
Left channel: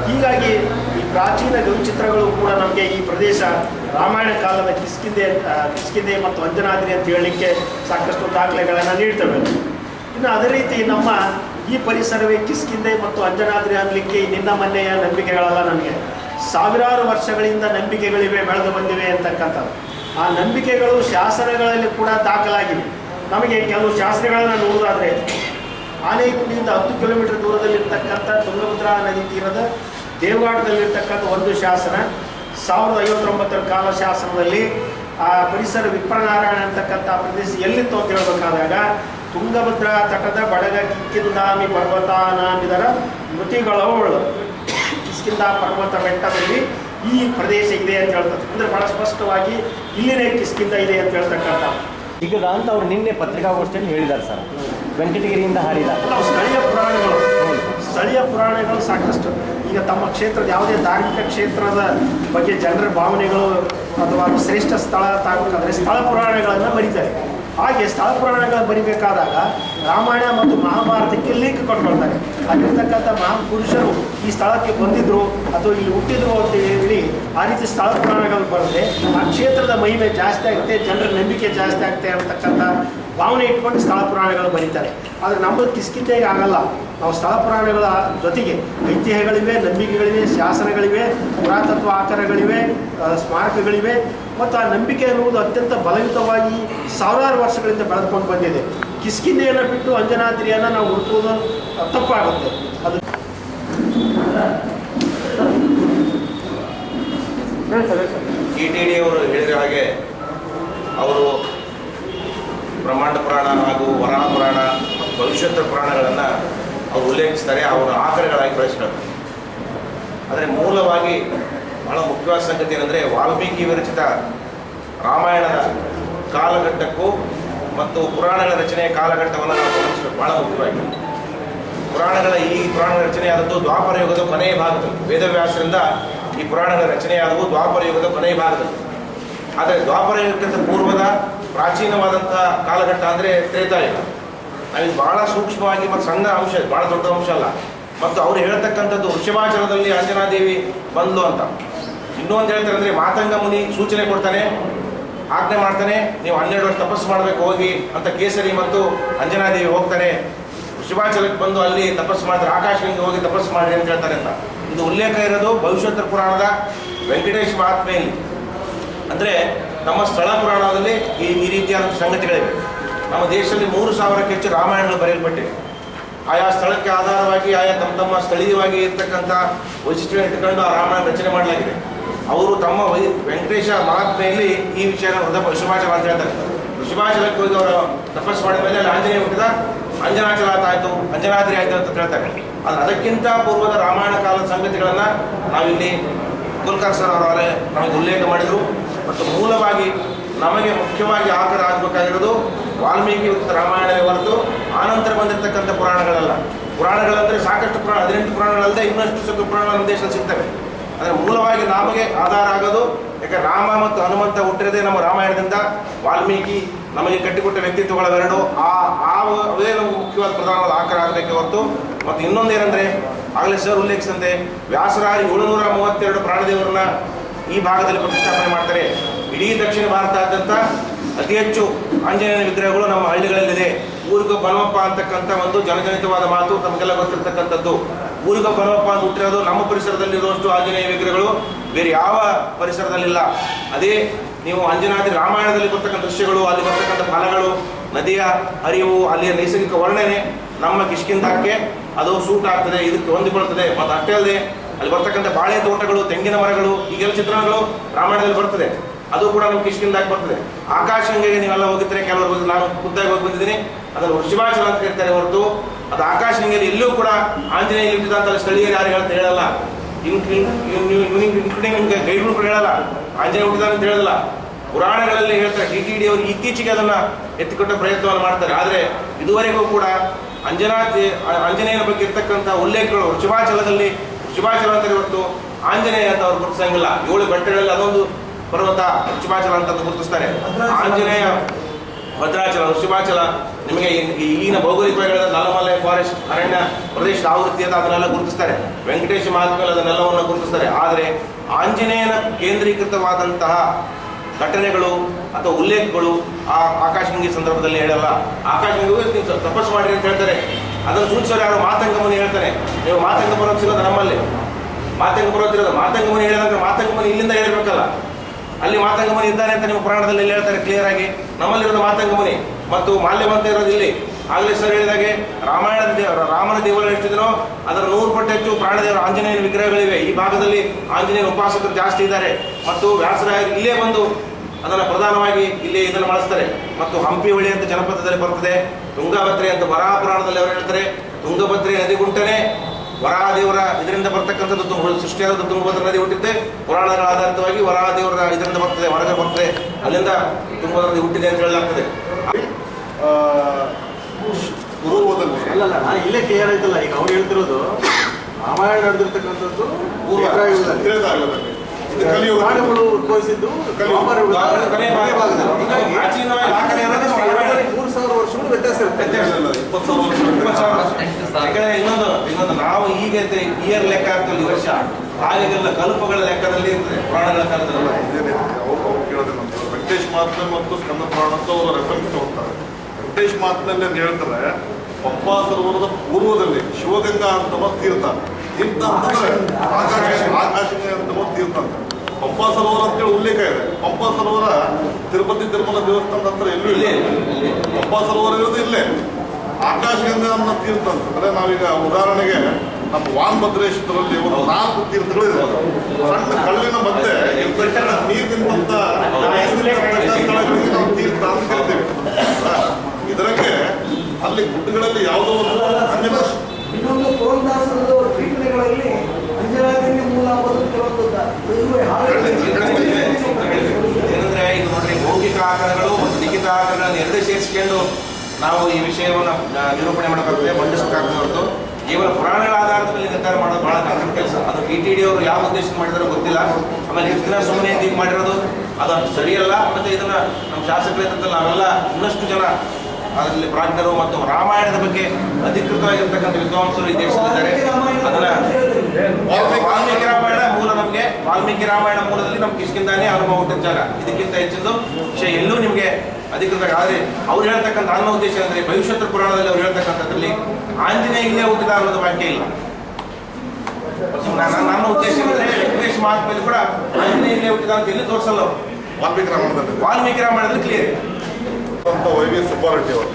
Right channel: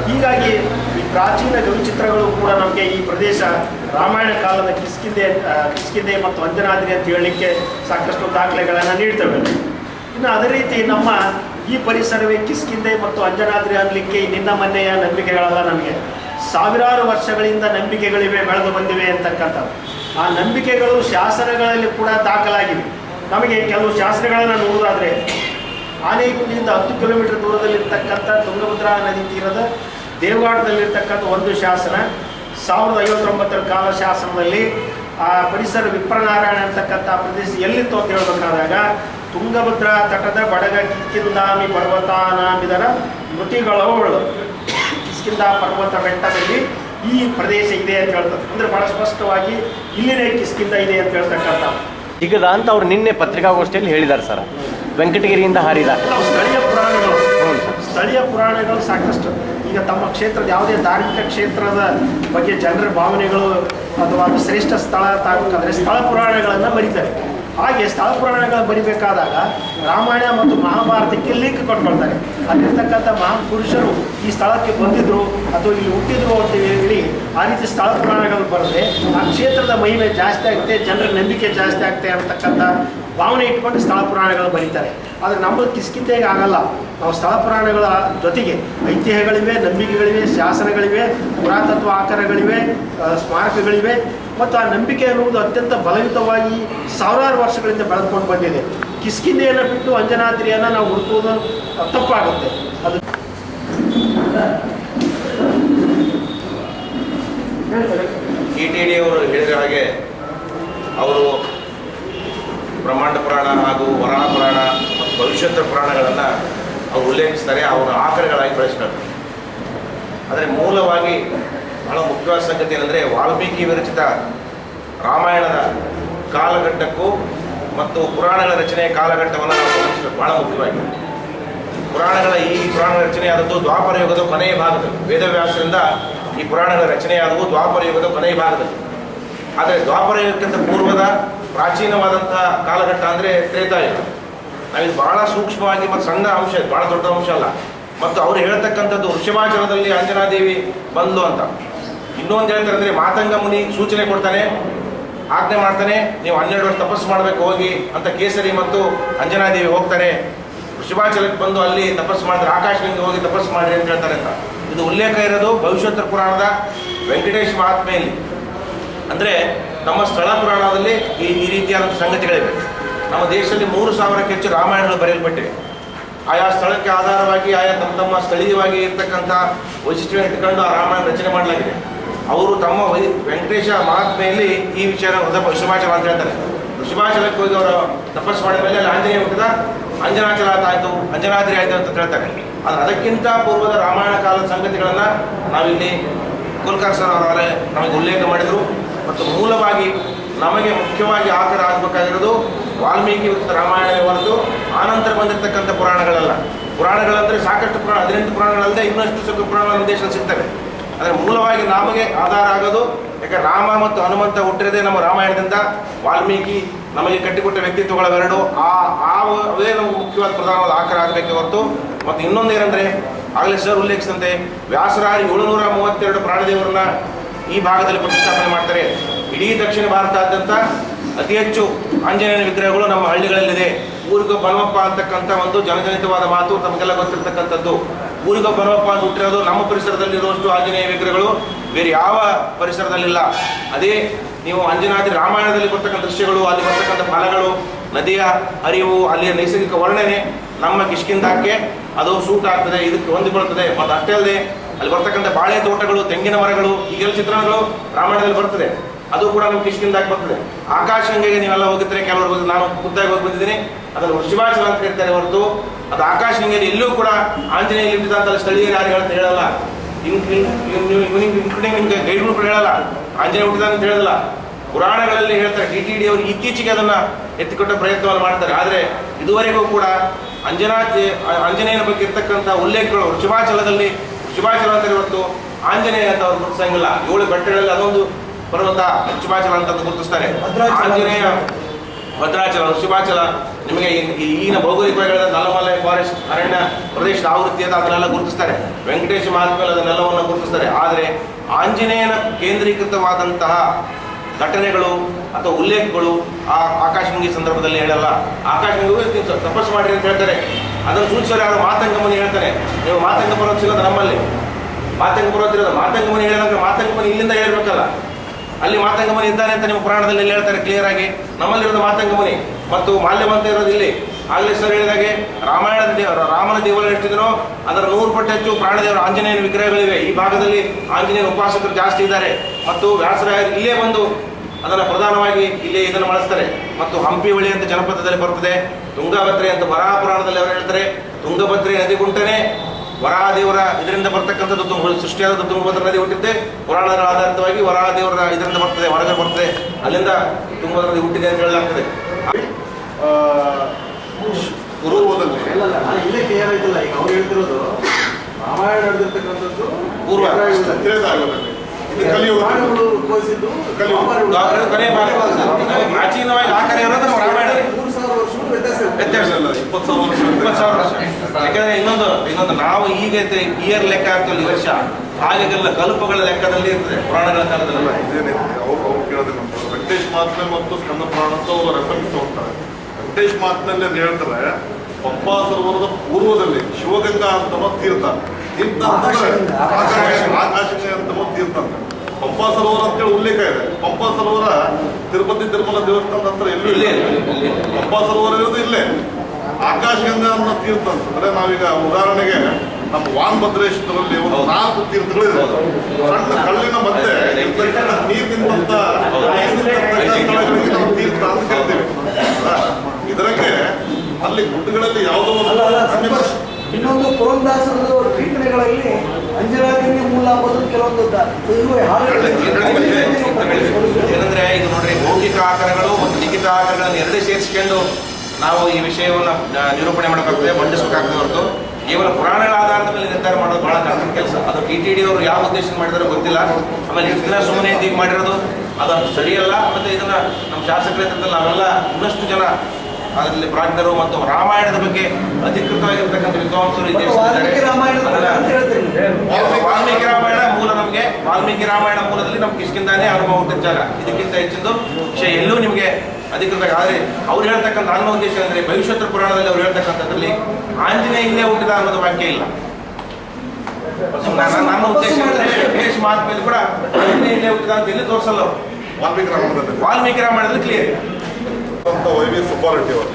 ಹೀಗಾಗಿ ಈ ಪ್ರಾಚೀನ ಗವಿಚಿತ್ರಗಳು ಕೂಡ ನಮಗೆ ಈ ಪ್ರದೇಶ ರಾಮಾಯಣ ಕಾಲದ ಕಿಷ್ಕಿಂಧೆ ಮತ್ತು ಅಂಜನಾದ್ರಿ ಅಂತ ಹೇಳಲಿಕ್ಕೆ ಸಾಕಷ್ಟು ದಾಖಲೆಗಳನ್ನು ನೀಡ್ತವೆ. ಇನ್ನು ಅದೇ ರೀತಿ ನಮ್ಮ ಈ ಪರಿಸರವೇ ಕಿಷ್ಕಿಂಧೆ ಮತ್ತು ಅಂಜನಾದ್ರಿ ಅನ್ನಲಿಕ್ಕೆ ನಿನ್ನ ಮೊನ್ನೆಯ ನಂಬಿಕೆಗಳಲ್ಲ. ನಮಗೆ ಸಾವಿರಾರು ವರ್ಷಗಳಿಂದ ನಂಬಿಕೆಗಳಿವೆ, ಬೆಳೆದು ಬಂದಿವೆ ಅಂತಕ್ಕಂಥದ್ದು. ಆ ನಂಬಿಕೆಗಳು ಶಾಸನಗಳಲ್ಲಿ ಕೂಡ ದಾಖಲಾಗಿವೆ. ನಮಗೆ ಕೆಲವು ಶಾಸನಗಳನ್ನು ನೋಡೋದಾದರೆ ಆನೆಗುಂದಿಯಿಂದ 10 ಕಿಲೋಮೀಟರ್ ದೂರದಲ್ಲಿರ್ತಕ್ಕಂಥ ತುಂಗಭದ್ರಾ ನದಿ ತೀರದ ದೇವಘಾಟದಲ್ಲಿರ್ತಕ್ಕಂಥ ಒಂದು ಶಾಸನ 1059 ಕಾಲ ಶಾಸನದಲ್ಲಿ ಆ ಪರಿಸರ ವಿಪ್ರನಾರಾಯಣ ಅಂತಕ್ಕಂಥ ಪ್ರದೇಶ ಎಲ್ಲಿತ್ತು ಅಂತ ಹೇಳಬೇಕಾದಾಗ ತುಂಗಭದ್ರಾ ತಟದ ಬಡಗ ಕಿಷ್ಕಿಂಧಾಮಿ ಪರ್ವತಾನಾಮಿದರ ಮೃತಿಗಳವಳು ಕಿಷ್ಕಿಂಧ ಪರ್ವತ ಬೆಟ್ಟದಲ್ಲಿ ಈ ಪ್ರದೇಶ ಇದೆ ಅಂತ ಹೇಳ್ತದೆ. ಅಂದರೆ ಭಾಳ ಸ್ಪಷ್ಟವಾಗಿ ಇಲ್ಲಿನೇ ಕಿಷ್ಕಿಂಧ ಇದೆ ಅಂತ ಹೇಳ್ತಕ್ಕಂಥ ಸಿಗದ ಅಂತ ಅವ್ರು ನಿನ್ನೆ ಪತ್ರಿಕಾಗೋಷ್ಠಿಯಲ್ಲಿ ಹೇಳಿದ್ದಾರೆ ಸರ್. ವೆಂಕಟಗಿರಿಯಿಂದ ಹಾರಿದ್ದಾರೆ. ಸ್ಥಳೀಯ ಪುರಾಣಗಳು ಸಾಕಷ್ಟು ಈಗ ತಮ್ಮ ಕ್ಷೇತ್ರದ ಯಾವುದೇ ಧಾರ್ಮಿಕ ಕ್ಷೇತ್ರದ ಬಗ್ಗೆ ಜನರ ಭಾವನೆಗಳು ಅಥವಾ ಅದು ಶ್ರೇಷ್ಠ ಸ್ಥಳ ತಾಗಬೇಕಾದ್ರೆ ಸ್ಥಳ ಪುರಾಣಗಳನ್ನು ಬರೀತಾರೆ. ಹಾಗೆ ಸ್ಥಳ ಪುರಾಣಗಳನ್ನು ಬರಿಬೇಕಾದಾಗ ರಾಮಾಯಣ ಮತ್ತು ಮಹಾಭಾರತಕ್ಕೆ ಲಿಂಕ್ ಕೊಟ್ಕೊಳ್ತಾರೆ. ಅಲ್ಲಿರ್ತಕ್ಕಂಥ ಮಹಾಪುರುಷರು ಈ ಸ್ಥಳಕ್ಕೆ ಬಂದಿದ್ರು ಅಥವಾ ಇಲ್ಲಿ ಹುಟ್ಟಿದ್ರು ಅಂತ ಹೇಳಿ ಆ ರೀತಿ ಸ್ಥಳ ಪುರಾಣಗಳು ಬರುತ್ತೆ. ಆ ಕ್ಷೇತ್ರದ ಮಹಿಮೆ ಜಾಸ್ತಿ ಆಗುತ್ತೆ, ಜನರ ನಂಬಿಕೆ ಜಾಸ್ತಿ ಆಗುತ್ತೆ ಅಂತಕ್ಕಂಥ ಭಾವನೆ ಇಟ್ಕೊಂಡು ಸ್ಥಳ ಪುರಾಣಗಳು ಬರೀತಾರೆ. ಆದರೆ ನಮ್ಮ ಕಿಷ್ಕಿಂಧೆಗೆ ಆಗಲ್ಲ. ನಾವು ಸ್ಥಳ ಪುರಾಣಗಳ ಜೊತೆಗೆ ಐತಿಹ್ಯಗಳಿವೆ, ನಂಬಿಕೆಗಳಿವೆ, ಶಾಸನಗಳಿವೆ, ಪುರಾತತ್ವ ಆಕಾರಗಳಿವೆ, ಸ್ಮಾರಕಗಳಿವೆ ಮತ್ತು ಆ ನಂಬಿಕೆ ಅನ್ನುವುದು ಅತ್ಯಂತ ಬಲಯುತವಾಗಿ ಸಾವಿರಾರು ವರ್ಷಗಳಿಂದ ಬೆಳೆದುಕೊಂಡು ಬಂದಿದೆ. ಕಿಷ್ಕಿಂಧೆಯನ್ನು ಬಿಟ್ಟು ಅಂಜನಾದ್ರಿಯನ್ನು ನಾವು ಹುಡುಕುವುದು ತಪ್ಪಾಗುತ್ತೆ. ಅದು TTD ಅವರು ಹೇಳಿದ ಹಾಗೆ ಅವರು ಬ್ರಹ್ಮಾಂಡ ಪುರಾಣ ಹಾಗೂ ವರಾಹ ಪುರಾಣ ಮತ್ತು ಭವಿಷ್ಯೋತ್ತರ ಪುರಾಣಗಳನ್ನು ಅವರು ಉಲ್ಲೇಖಿಸ್ತಾರೆ, ಅವರು ಆಕರಗಳಾಗಿ ಬಳಸ್ತಾರೆ. ಆದರೆ ಮೂಲವಾಗಿ ಬಹಳ ಮುಖ್ಯವಾದ ಸಂಗತಿ ಏನಂದರೆ ವಾಲ್ಮೀಕಿ ವಿರಚಿತ ರಾಮಾಯಣದ ಕಾಲಘಟ್ಟಕ್ಕೂ ಮತ್ತು ಪುರಾಣಗಳ ರಚನೆಯ ಕಾಲಘಟ್ಟವನ್ನು ನಾವು ಗಮನಿಸಬೇಕು. ಭಾಳ ಮುಖ್ಯವಾಗಿ ಈ ಪುರಾಣಗಳ ರಚನೆ ಆದದ್ದು ದ್ವಾಪರ ಯುಗದ ಕೊನೆಯ ಭಾಗದಲ್ಲಿ. ವೇದವ್ಯಾಸರಿಂದ ಈ ಪುರಾಣಗಳ ರಚನೆಯಾದವು ದ್ವಾಪರ ಯುಗದ ಕೊನೆಯ ಭಾಗದಲ್ಲಿ. ಆದರೆ ದ್ವಾಪರ ಯುಗಕ್ಕಿಂತ ಪೂರ್ವದ ಪ್ರಾಚೀನವಾದಂಥ ಕಾಲಘಟ್ಟ ಅಂದರೆ ತ್ರೇತಾಯುಗ. ನಾವಿದು ಭಾಳ ಸೂಕ್ಷ್ಮವಾಗಿ ಮತ್ತು ಸಣ್ಣ ಅಂಶ, ಭಾಳ ದೊಡ್ಡ ಅಂಶ ಅಲ್ಲ. ಮತ್ತು ಅವರು ಹೇಳ್ತಕ್ಕಂಥದ್ದು ವೃಷಭಾಚಲದಲ್ಲಿ ಅಂಜನಾದೇವಿ ಬಂದ್ಲು ಅಂತ. ಇನ್ನೊಂದು ಹೇಳ್ತಾರೆ ಅಂದರೆ ಮಾತಂಗ ಮುನಿ ಸೂಚನೆ ಕೊಡ್ತಾನೆ, ಆಜ್ಞೆ ಮಾಡ್ತಾನೆ, ನೀವು 12 ವರ್ಷ ತಪಸ್ಸು ಮಾಡಬೇಕು ಹೋಗಿ ಅಂತ. ಕೇಸರಿ ಮತ್ತು ಅಂಜನಾದೇವಿ ಹೋಗ್ತಾರೆ, ವೃಷಭಾಚಲಕ್ಕೆ ಬಂದು ಅಲ್ಲಿ ತಪಸ್ಸು ಮಾಡ್ತಾರೆ, ಆಕಾಶಗಂಗೆ ಹೋಗಿ ತಪಸ್ಸು ಮಾಡಿರಿ ಅಂತ ಹೇಳ್ತಾರೆ ಅಂತ. ಇದು ಉಲ್ಲೇಖ ಇರೋದು ಭವಿಷ್ಯೋತ್ತರ ಪುರಾಣದ ವೆಂಕಟೇಶ ಮಹಾತ್ಮೆಯಲ್ಲಿ. ಅಂದರೆ ನಮ್ಮ ಸ್ಥಳ ಪುರಾಣದಲ್ಲಿ ಈ ರೀತಿಯಾದಂಥ ಸಂಗತಿಗಳಿವೆ. ನಮ್ಮ ದೇಶದಲ್ಲಿ 3000ಕ್ಕೂ ಹೆಚ್ಚು ರಾಮಾಯಣಗಳು ಬರೆಯಲ್ಪಟ್ಟಿವೆ. ಆಯಾ ಸ್ಥಳಕ್ಕೆ ಆಧಾರವಾಗಿ ಆಯಾ ತಮ್ಮ ಸ್ಥಳೀಯವಾಗಿ ಇರ್ತಕ್ಕಂಥ ವೈಶಿಷ್ಟ್ಯವನ್ನು ಇಟ್ಟುಕೊಂಡು ಆ ರಾಮಾಯಣ ರಚನೆ ಮಾಡಲಾಗಿದೆ. ಅವರು ತಮ್ಮ ವೆಂಕಟೇಶ ಮಹಾತ್ಮೆಯಲ್ಲಿ ಈ ವಿಷಯನ ವೃಷಭಾಚಲ ಅಂತ ಹೇಳ್ತಾರೆ. ವೃಷಭಾಚಲಕ್ಕೆ ಹೋಗಿ ಅವರು ತಪಸ್ಸು ಮಾಡಿದ ಮೇಲೆ ಅಲ್ಲಿ ಆಂಜನೇಯ ಹುಟ್ಟಿದ, ಅಂಜನಾಚಲ ಆಯಿತು, ಅಂಜನಾದ್ರಿ ಆಯಿತು ಅಂತ ಹೇಳ್ತಾರೆ. ಆದರೆ ಅದಕ್ಕಿಂತ ಪೂರ್ವದ ರಾಮಾಯಣ ಕಾಲದ ಸಂಗತಿಗಳನ್ನು ನಾವಿಲ್ಲಿ ಕುಲ್ಕರ್ ಸರ್ ಅವರೇ ನಮಗೆ ಉಲ್ಲೇಖ ಮಾಡಿದರು. ಮತ್ತು ಮೂಲವಾಗಿ ನಮಗೆ ಮುಖ್ಯವಾಗಿ ಆಕರ ಆಗಬೇಕಾಗಿರೋದು ವಾಲ್ಮೀಕಿ ಮತ್ತು ರಾಮಾಯಣವೇ ಹೊರತು ಆನಂತರ ಬಂದಿರತಕ್ಕಂಥ ಪುರಾಣಗಳಲ್ಲ. ಪುರಾಣಗಳಂದರೆ ಸಾಕಷ್ಟು ಪುರಾಣ, 18 ಪುರಾಣಗಳಲ್ಲದೆ ಇನ್ನಷ್ಟು ಸ್ವಲ್ಪ ಪುರಾಣ ನಮ್ಮ ದೇಶದಲ್ಲಿ ಸಿಗ್ತವೆ. ಆದರೆ ಮೂಲವಾಗಿ ನಮಗೆ ಆಧಾರ ಆಗೋದು, ಯಾಕೆ ರಾಮ ಮತ್ತು ಹನುಮಂತ ಹುಟ್ಟಿರದೆ ನಮ್ಮ ರಾಮಾಯಣದಿಂದ. ವಾಲ್ಮೀಕಿ ನಮಗೆ ಕಟ್ಟಿಕೊಟ್ಟ ವ್ಯಕ್ತಿತ್ವಗಳೆರಡು ಅವೇ ನಮಗೆ ಮುಖ್ಯವಾದ ಪ್ರಧಾನವಾದ ಆಕರ ಆಗಬೇಕೆ ಹೊರತು. ಮತ್ತು ಇನ್ನೊಂದೇನೆಂದರೆ, ಆಗಲೇ ಸರ್ ಉಲ್ಲೇಖಿಸಿದಂತೆ ವ್ಯಾಸರಾಯ 732 ಪ್ರಾಣದೇವರನ್ನ ಈ ಭಾಗದಲ್ಲಿ ಪ್ರತಿಷ್ಠಾಪನೆ ಮಾಡ್ತಾರೆ. ಇಡೀ ದಕ್ಷಿಣ ಭಾರತಾದ್ಯಂತ ಅತಿ ಹೆಚ್ಚು ಆಂಜನೇಯನ ವಿಗ್ರಹಗಳು ನಮ್ಮ ಹಳ್ಳಿಗಳಲ್ಲಿದೆ. ಊರಿಗೊಬ್ಬ ಬನವಪ್ಪ ಅಂತಕ್ಕಂಥ ಒಂದು ಜನಜನಿತವಾದ ಮಾತು ತಮಗೆಲ್ಲ ಗೊತ್ತಿರ್ತಕ್ಕಂಥದ್ದು. ಊರಿಗೊಬ್ಬ ಬನವಪ್ಪ ಅಂತ ಹುಟ್ಟಿರೋದು ನಮ್ಮ ಪರಿಸರದಲ್ಲಿರುವಷ್ಟು ಆಂಜನೇಯ ವಿಗ್ರಹಗಳು ಬೇರೆ ಯಾವ ಪರಿಸರದಲ್ಲಿಲ್ಲ. ಅದೇ ನೀವು ಅಂಜನಾದ್ರಿ ರಾಮಾಯಣದಲ್ಲಿ ಬರ್ತಕ್ಕಂಥ ದೃಶ್ಯಗಳು, ಅಲ್ಲಿ ಬರ್ತಕ್ಕಂಥ ಫಲಗಳು, ನದಿಯ ಹರಿವು, ಅಲ್ಲಿಯ ನೈಸರ್ಗಿಕ ವರ್ಣನೆ ನಮ್ಮ ಕಿಷ್ಕಿಂಧಕ್ಕೆ ಅದು ಸೂಟ್ ಆಗ್ತದೆ, ಇದಕ್ಕೆ ಹೊಂದಿಕೊಳ್ಳುತ್ತದೆ. ಮತ್ತು ಅಷ್ಟೇ ಅಲ್ಲದೆ ಅಲ್ಲಿ ಬರ್ತಕ್ಕಂಥ ಬಾಳೆ ತೋಟಗಳು, ತೆಂಗಿನ ಮರಗಳು, ಈಗೆಲ್ಲ ಚಿತ್ರಣಗಳು ರಾಮಾಯಣದಲ್ಲಿ ಬರ್ತದೆ. ಅದು ಕೂಡ ನಮ್ಮ ಕಿಷ್ಕಿಂಧಕ್ಕೆ ಬರ್ತದೆ. ಆಕಾಶಗಂಗೆಗೆ ನೀವೆಲ್ಲ ಹೋಗಿದ್ರೆ, ಕೆಲವರು ಹೋಗಿ, ನಾನು ಖುದ್ದಾಗಿ ಹೋಗಿ ಬಂದಿದ್ದೀನಿ, ಅದನ್ನು ವೃಷಭಾಚಲ ಅಂತ ಕರೀತಾರೆ ಹೊರತು ಅದು ಆಕಾಶಗಂಗೆಯಲ್ಲಿ ಎಲ್ಲೂ ಕೂಡ ಆಂಜನೇಯ ಇಟ್ಟಿದಂತ ಸ್ಥಳೀಯರು ಯಾರು ಹೇಳ್ತಾ ಹೇಳಲ್ಲ. ಇನ್ಕ್ಲೂಡಿಂಗ್ ನಿಮಗೆ ಗೈಡ್ಗಳು ಕೂಡ ಹೇಳಲ್ಲ ಆಂಜನೇಯ ಹುಟ್ಟಿದ ಅಂತ ಹೇಳಲ್ಲ. ಪುರಾಣಗಳಲ್ಲಿ ಹೇಳ್ತಾರೆ. DTD ಅವರು ಇತ್ತೀಚೆಗೆ ಅದನ್ನು ಎತ್ತಿಕೊಟ್ಟ ಪ್ರಯತ್ನವನ್ನು ಮಾಡ್ತಾರೆ. ಆದರೆ ಇದುವರೆಗೂ ಕೂಡ ಆಂಜನೇಯನ ಬಗ್ಗೆ ಇರ್ತಕ್ಕಂಥ ಉಲ್ಲೇಖಗಳು ವೃಷಭಾಚಲದಲ್ಲಿ ವೃಷಭಾಚಲ ಅಂತಾರೆ ಹೊರತು ಆಂಜನೇಯ ಅಂತ ಅವ್ರು ಗುರುತಿಸಂಗಿಲ್ಲ. 7 ಬೆಟ್ಟಗಳಲ್ಲಿ ಅದೊಂದು ಪರ್ವತ ವೃಷಭಾಚಲ ಅಂತ ಗುರುತಿಸ್ತಾರೆ. ಆಂಜನೇಯ ಭದ್ರಾಚಲ, ವೃಷಭಾಚಲ ನಿಮಗೆ ಈಗಿನ ಭೌಗೋಳಿಕವಾಗಿ ಹೇಳಿದ ನಲ್ಲಮಲೆ ಫಾರೆಸ್ಟ್ ಅರಣ್ಯ ಪ್ರದೇಶದ ಆವೃತ್ತಿ ಅಂತ ಅದನ್ನೆಲ್ಲ ಗುರುತಿಸ್ತಾರೆ. ವೆಂಕಟೇಶ ಮಹಾತ್ಮೆಯಲ್ಲಿ ಅದನ್ನೆಲ್ಲವನ್ನು ಗುರುತಿಸ್ತಾರೆ. ಆದರೆ ಆಂಜನೇಯನ ಕೇಂದ್ರೀಕೃತವಾದಂತಹ ಘಟನೆಗಳು ಅಥವಾ ಉಲ್ಲೇಖಗಳು ಆ ಆಕಾಶಗಂಗೆ ಸಂದರ್ಭದಲ್ಲಿ ಹೇಳಲ್ಲ. ಆಕಾಶಗಂಗೆ ತಪಸ್ಸು ಮಾಡಿರಿ ಅಂತ ಹೇಳ್ತಾರೆ. ಅದನ್ನು ಸೂಚಿಸೋರು ಯಾರು? ಮಾತಂಗ ಮುನಿ ಹೇಳ್ತಾನೆ. ನೀವು ಮಾತಂಗ ಪರ್ವತ ಸಿಗೋದು ನಮ್ಮಲ್ಲಿ. ಮಾತಂಗ ಪರ್ವತ ಇರೋದು. ಮಾತಂಗ ಮುನಿ ಹೇಳಿದಾಗ ಮಾತಂಗ ಮುನಿ ಇಲ್ಲಿಂದ ಹೇಳಿರ್ಬೇಕಲ್ಲ. ಅಲ್ಲಿ ಮಾತಂಗ ಮುನಿ ಇದ್ದಾನೆ ಅಂತ ನಿಮ್ಮ ಪುರಾಣದಲ್ಲಿ ಎಲ್ಲಿ ಹೇಳ್ತಾರೆ ಕ್ಲಿಯರ್ ಆಗಿ. ನಮ್ಮಲ್ಲಿರೋದು ಮಾತಂಗ ಮುನಿ ಮತ್ತು ಮಾಲ್ಯವಂತ ಇರೋದು ಇಲ್ಲಿ. ಆಗಲೇ ಸರ್ ಹೇಳಿದಾಗೆ ರಾಮನ ದೇವಾಲಯ ಎಷ್ಟಿದನೋ ಅದರ 100 ಪಟ್ಟು ಹೆಚ್ಚು ಪ್ರಾಣದೇವರ ಆಂಜನೇಯನ ವಿಗ್ರಹಗಳಿವೆ. ಈ ಭಾಗದಲ್ಲಿ ಆಂಜನೇಯನ ಉಪಾಸಕರು ಜಾಸ್ತಿ ಇದ್ದಾರೆ. ಮತ್ತು ವ್ಯಾಸರಾಯರು ಇಲ್ಲೇ ಬಂದು ಅದನ್ನು ಪ್ರಧಾನವಾಗಿ ಇಲ್ಲಿ ಇದನ್ನು ಬಳಸ್ತಾರೆ. ಮತ್ತು ಹಂಪಿ ಹೊಳಿ ಅಂತ ಜನಪದದಲ್ಲಿ ಬರ್ತದೆ. ತುಂಗಭದ್ರೆ ಅಂತ ವರಾಹ ಪುರಾಣದಲ್ಲಿ ಅವರು ಹೇಳ್ತಾರೆ. ತುಂಗಭದ್ರೆ ನದಿಗುಂಟನೆ ವರಾಹ ದೇವರ ಇದರಿಂದ ಬರ್ತಕ್ಕಂಥದ್ದು. ಸೃಷ್ಟಿಯಾದ ತುಂಗಭದ್ರಾ ನದಿ ಹುಟ್ಟಿದ್ದೆ ಪುರಾಣಗಳ ಆಧಾರಿತವಾಗಿ ವರಾಹ ದೇವರ ಇದರಿಂದ ಬರ್ತದೆ, ಹೊರಗೆ ಬರ್ತದೆ. ಅಲ್ಲಿಂದ ತುಂಗಭದ್ರಾ ನದಿ ಹುಟ್ಟಿದೆ ಅಂತ ಹೇಳಲಾಗ್ತದೆ. ಪೂರ್ವದಲ್ಲಿ ಇಲ್ಲೇ ಕ್ಲಿಯರ್ ಆಯ್ತಲ್ಲ. ಈಗ ಅವ್ರು ಹೇಳ್ತಿರೋದು ರಾಮಾಯಣ ನಡೆದಿರ್ತಕ್ಕಂಥದ್ದು ಪೂರ್ವ ಇದು ಕಲಿಯುಗ ಉದ್ಭವಿಸಿದ್ದು ಪ್ರಾಚೀನವಾಗಿ ಆ ಕಡೆ ಇರೋದು ರಾಮಾಯಣ. 3000 ವರ್ಷಗಳು ವ್ಯತ್ಯಾಸ ಇಲ್ಲ, 20,000 ವರ್ಷ. ಯಾಕಂದ್ರೆ ಇನ್ನೊಂದು ನಾವು ಈಗ ಇಯರ್ ಲೆಕ್ಕ ಆಗ್ತಲ್ಲ, ಈ ವರ್ಷ ಹಾಗೆಲ್ಲ ಕಲ್ಪಗಳ ಲೆಕ್ಕದಲ್ಲಿ ಇರ್ತದೆ ಪುರಾಣಗಳ ಕಾಲದಲ್ಲ. ಇದೇನಿದೆ ಅವ್ರು ಕೇಳೋದಿಲ್ಲ. ವೆಂಕಟೇಶ ಮಹಾತ್ಮೆ ಮತ್ತು ಸ್ಕಂದ ಪುರಾಣ ಅಂತ ಅವರು ರೆಫರೆನ್ಸ್ ತಗೊಳ್ತಾರೆ. ವೆಂಕಟೇಶ ಮಹಾತ್ಮೆಯಲ್ಲಿ ಅಂತ ಹೇಳ್ತಾರೆ, ಪಂಪಾ ಸರೋವರದ ಪೂರ್ವದಲ್ಲಿ ಶಿವಗಂಗಾ ಅಂತನೋ ತೀರ್ಥ ಅಂತಂದ್ರೆ ಆಕಾಶಗಂಗೆ ಅಂತನೋ ತೀರ್ಥ ಅಂತ. ಪಂಪಾ ಸರೋವರ ಅಂತೇಳಿ ಉಲ್ಲೇಖ ಇದೆ. ಪಂಪಾ ಸರೋವರ ತಿರುಪತಿ ತಿರುಮಲ ದೇವಸ್ಥಾನದ ಹತ್ರ ಎಲ್ಲೂ ಇಲ್ಲ. ಪಂಪಾ ಸರೋವರ ಇರೋದು ಇಲ್ಲೇ. ಆಕಾಶಗಂಗಾ ಅನ್ನೋ ತೀರ್ಥ ಅಂತಂದ್ರೆ ನಾವೀಗ ಉದಾಹರಣೆಗೆ ನಮ್ಮ ವಾನ್ಭದ್ರೇಶ್ವರಲ್ಲಿ ಒಂದು 4 ತೀರ್ಥಗಳಿದೆ. ಸಣ್ಣ ಕಳ್ಳಿನ ಮಧ್ಯೆ ನೀರು ನಿಂತ ಸ್ಥಳಗಳಿಗೆ ನಾವು ತೀರ್ಥ ಅಂತ ಕರಿತೀವಿ. ಇದರಂಗೆ ಅಲ್ಲಿ ಗುಡ್ಡಗಳಲ್ಲಿ ಯಾವುದೋ ಒಂದು ಇನ್ನೊಂದು ಪುರಂದಾಸರದ ಟಿಪ್ಪಣಿಗಳಲ್ಲಿ ಅಂಜನಾದ್ರಿ ಮೂಲ ಅಂಬೋದು ಕೆಲವೊಂದು ಏನಂದ್ರೆ ಇದು ನೋಡ್ರಿ, ಮೌಖಿಕ ಆಕರಗಳು ಮತ್ತು ಲಿಖಿತ ಆಕರಗಳನ್ನು ಎರಡೇ ಸೇರಿಸ್ಕೊಂಡು ನಾವು ಈ ವಿಷಯವನ್ನು ನಿರೂಪಣೆ ಮಾಡಬೇಕಾಗ್ತದೆ, ಮಂಡಿಸಬೇಕಾಗ್ತದೆ ಹೊರತು ಕೇವಲ ಪುರಾಣಗಳ ಆಧಾರದ ಮೇಲೆ ನಿರ್ಧಾರ ಮಾಡೋದು ಬಹಳ ಕಷ್ಟದ ಕೆಲಸ. ಅದು DTD ಅವರು ಯಾವ ಉದ್ದೇಶ ಮಾಡಿದಾರೋ ಗೊತ್ತಿಲ್ಲ. ಆಮೇಲೆ ಇಷ್ಟು ದಿನ ಸುಮ್ಮನೆ ಈಗ ಮಾಡಿರೋದು ಅದು ಸರಿಯಲ್ಲ. ಮತ್ತು ಇದನ್ನು ನಮ್ಮ ಶಾಸಕರ ನೇತೃತ್ವದಲ್ಲಿ ನಾವೆಲ್ಲ ಇನ್ನಷ್ಟು ಜನ ಅದರಲ್ಲಿ ಪ್ರಾಜ್ಞರು ಮತ್ತು ರಾಮಾಯಣದ ಬಗ್ಗೆ ಅಧಿಕೃತವಾಗಿರ್ತಕ್ಕಂಥ ವಿದ್ವಾಂಸರು ಈ ದೇಶದಲ್ಲಿದ್ದಾರೆ. ಅದನ್ನ ವಾಲ್ಮೀಕಿ ರಾಮಾಯಣ ಮೂಲ, ನಮಗೆ ವಾಲ್ಮೀಕಿ ರಾಮಾಯಣ ಮೂಲದಲ್ಲಿ ನಮ್ಮ ಕಿಷ್ಕಿಂಧಾನೇ ಅನುಭವ ಹುಟ್ಟಿದೆ. ಜಾಗ, ಇದಕ್ಕಿಂತ ಹೆಚ್ಚಿಂದು ವಿಷಯ ಎಲ್ಲೂ ನಿಮಗೆ ಅಧಿಕೃತ. ಆದರೆ ಅವ್ರು ಹೇಳ್ತಕ್ಕಂಥ ನನ್ನ ಉದ್ದೇಶ ಅಂದರೆ ಭವಿಷ್ಯದ ಪುರಾಣದಲ್ಲಿ ಅವ್ರು ಹೇಳ್ತಕ್ಕಂಥದ್ರಲ್ಲಿ ಆಂಜನೇಯ ಇಲ್ಲೇ ಹುಟ್ಟಿದ ಅನ್ನೋದು ವಾಕ್ಯ ಇಲ್ಲ. ನನ್ನ ಉದ್ದೇಶ ಅಂದರೆ ವೆಂಕಟೇಶ್ ಮಹಾತ್ಮೆಯಲ್ಲಿ ಕೂಡ ಆಂಜನೇಯ ಇಲ್ಲೇ ಹುಟ್ಟಿದ ಅಂತ ಎಲ್ಲಿ ತೋರಿಸಲ್ಲ ಅವರು. ವಾಲ್ಮೀಕಿ ರಾಮಾಯಣದಲ್ಲಿ ಕ್ಲಿಯರ್. ವೈ.ವಿ. ಸುಬ್ಬಾರೆಡ್ಡಿ ಅವರು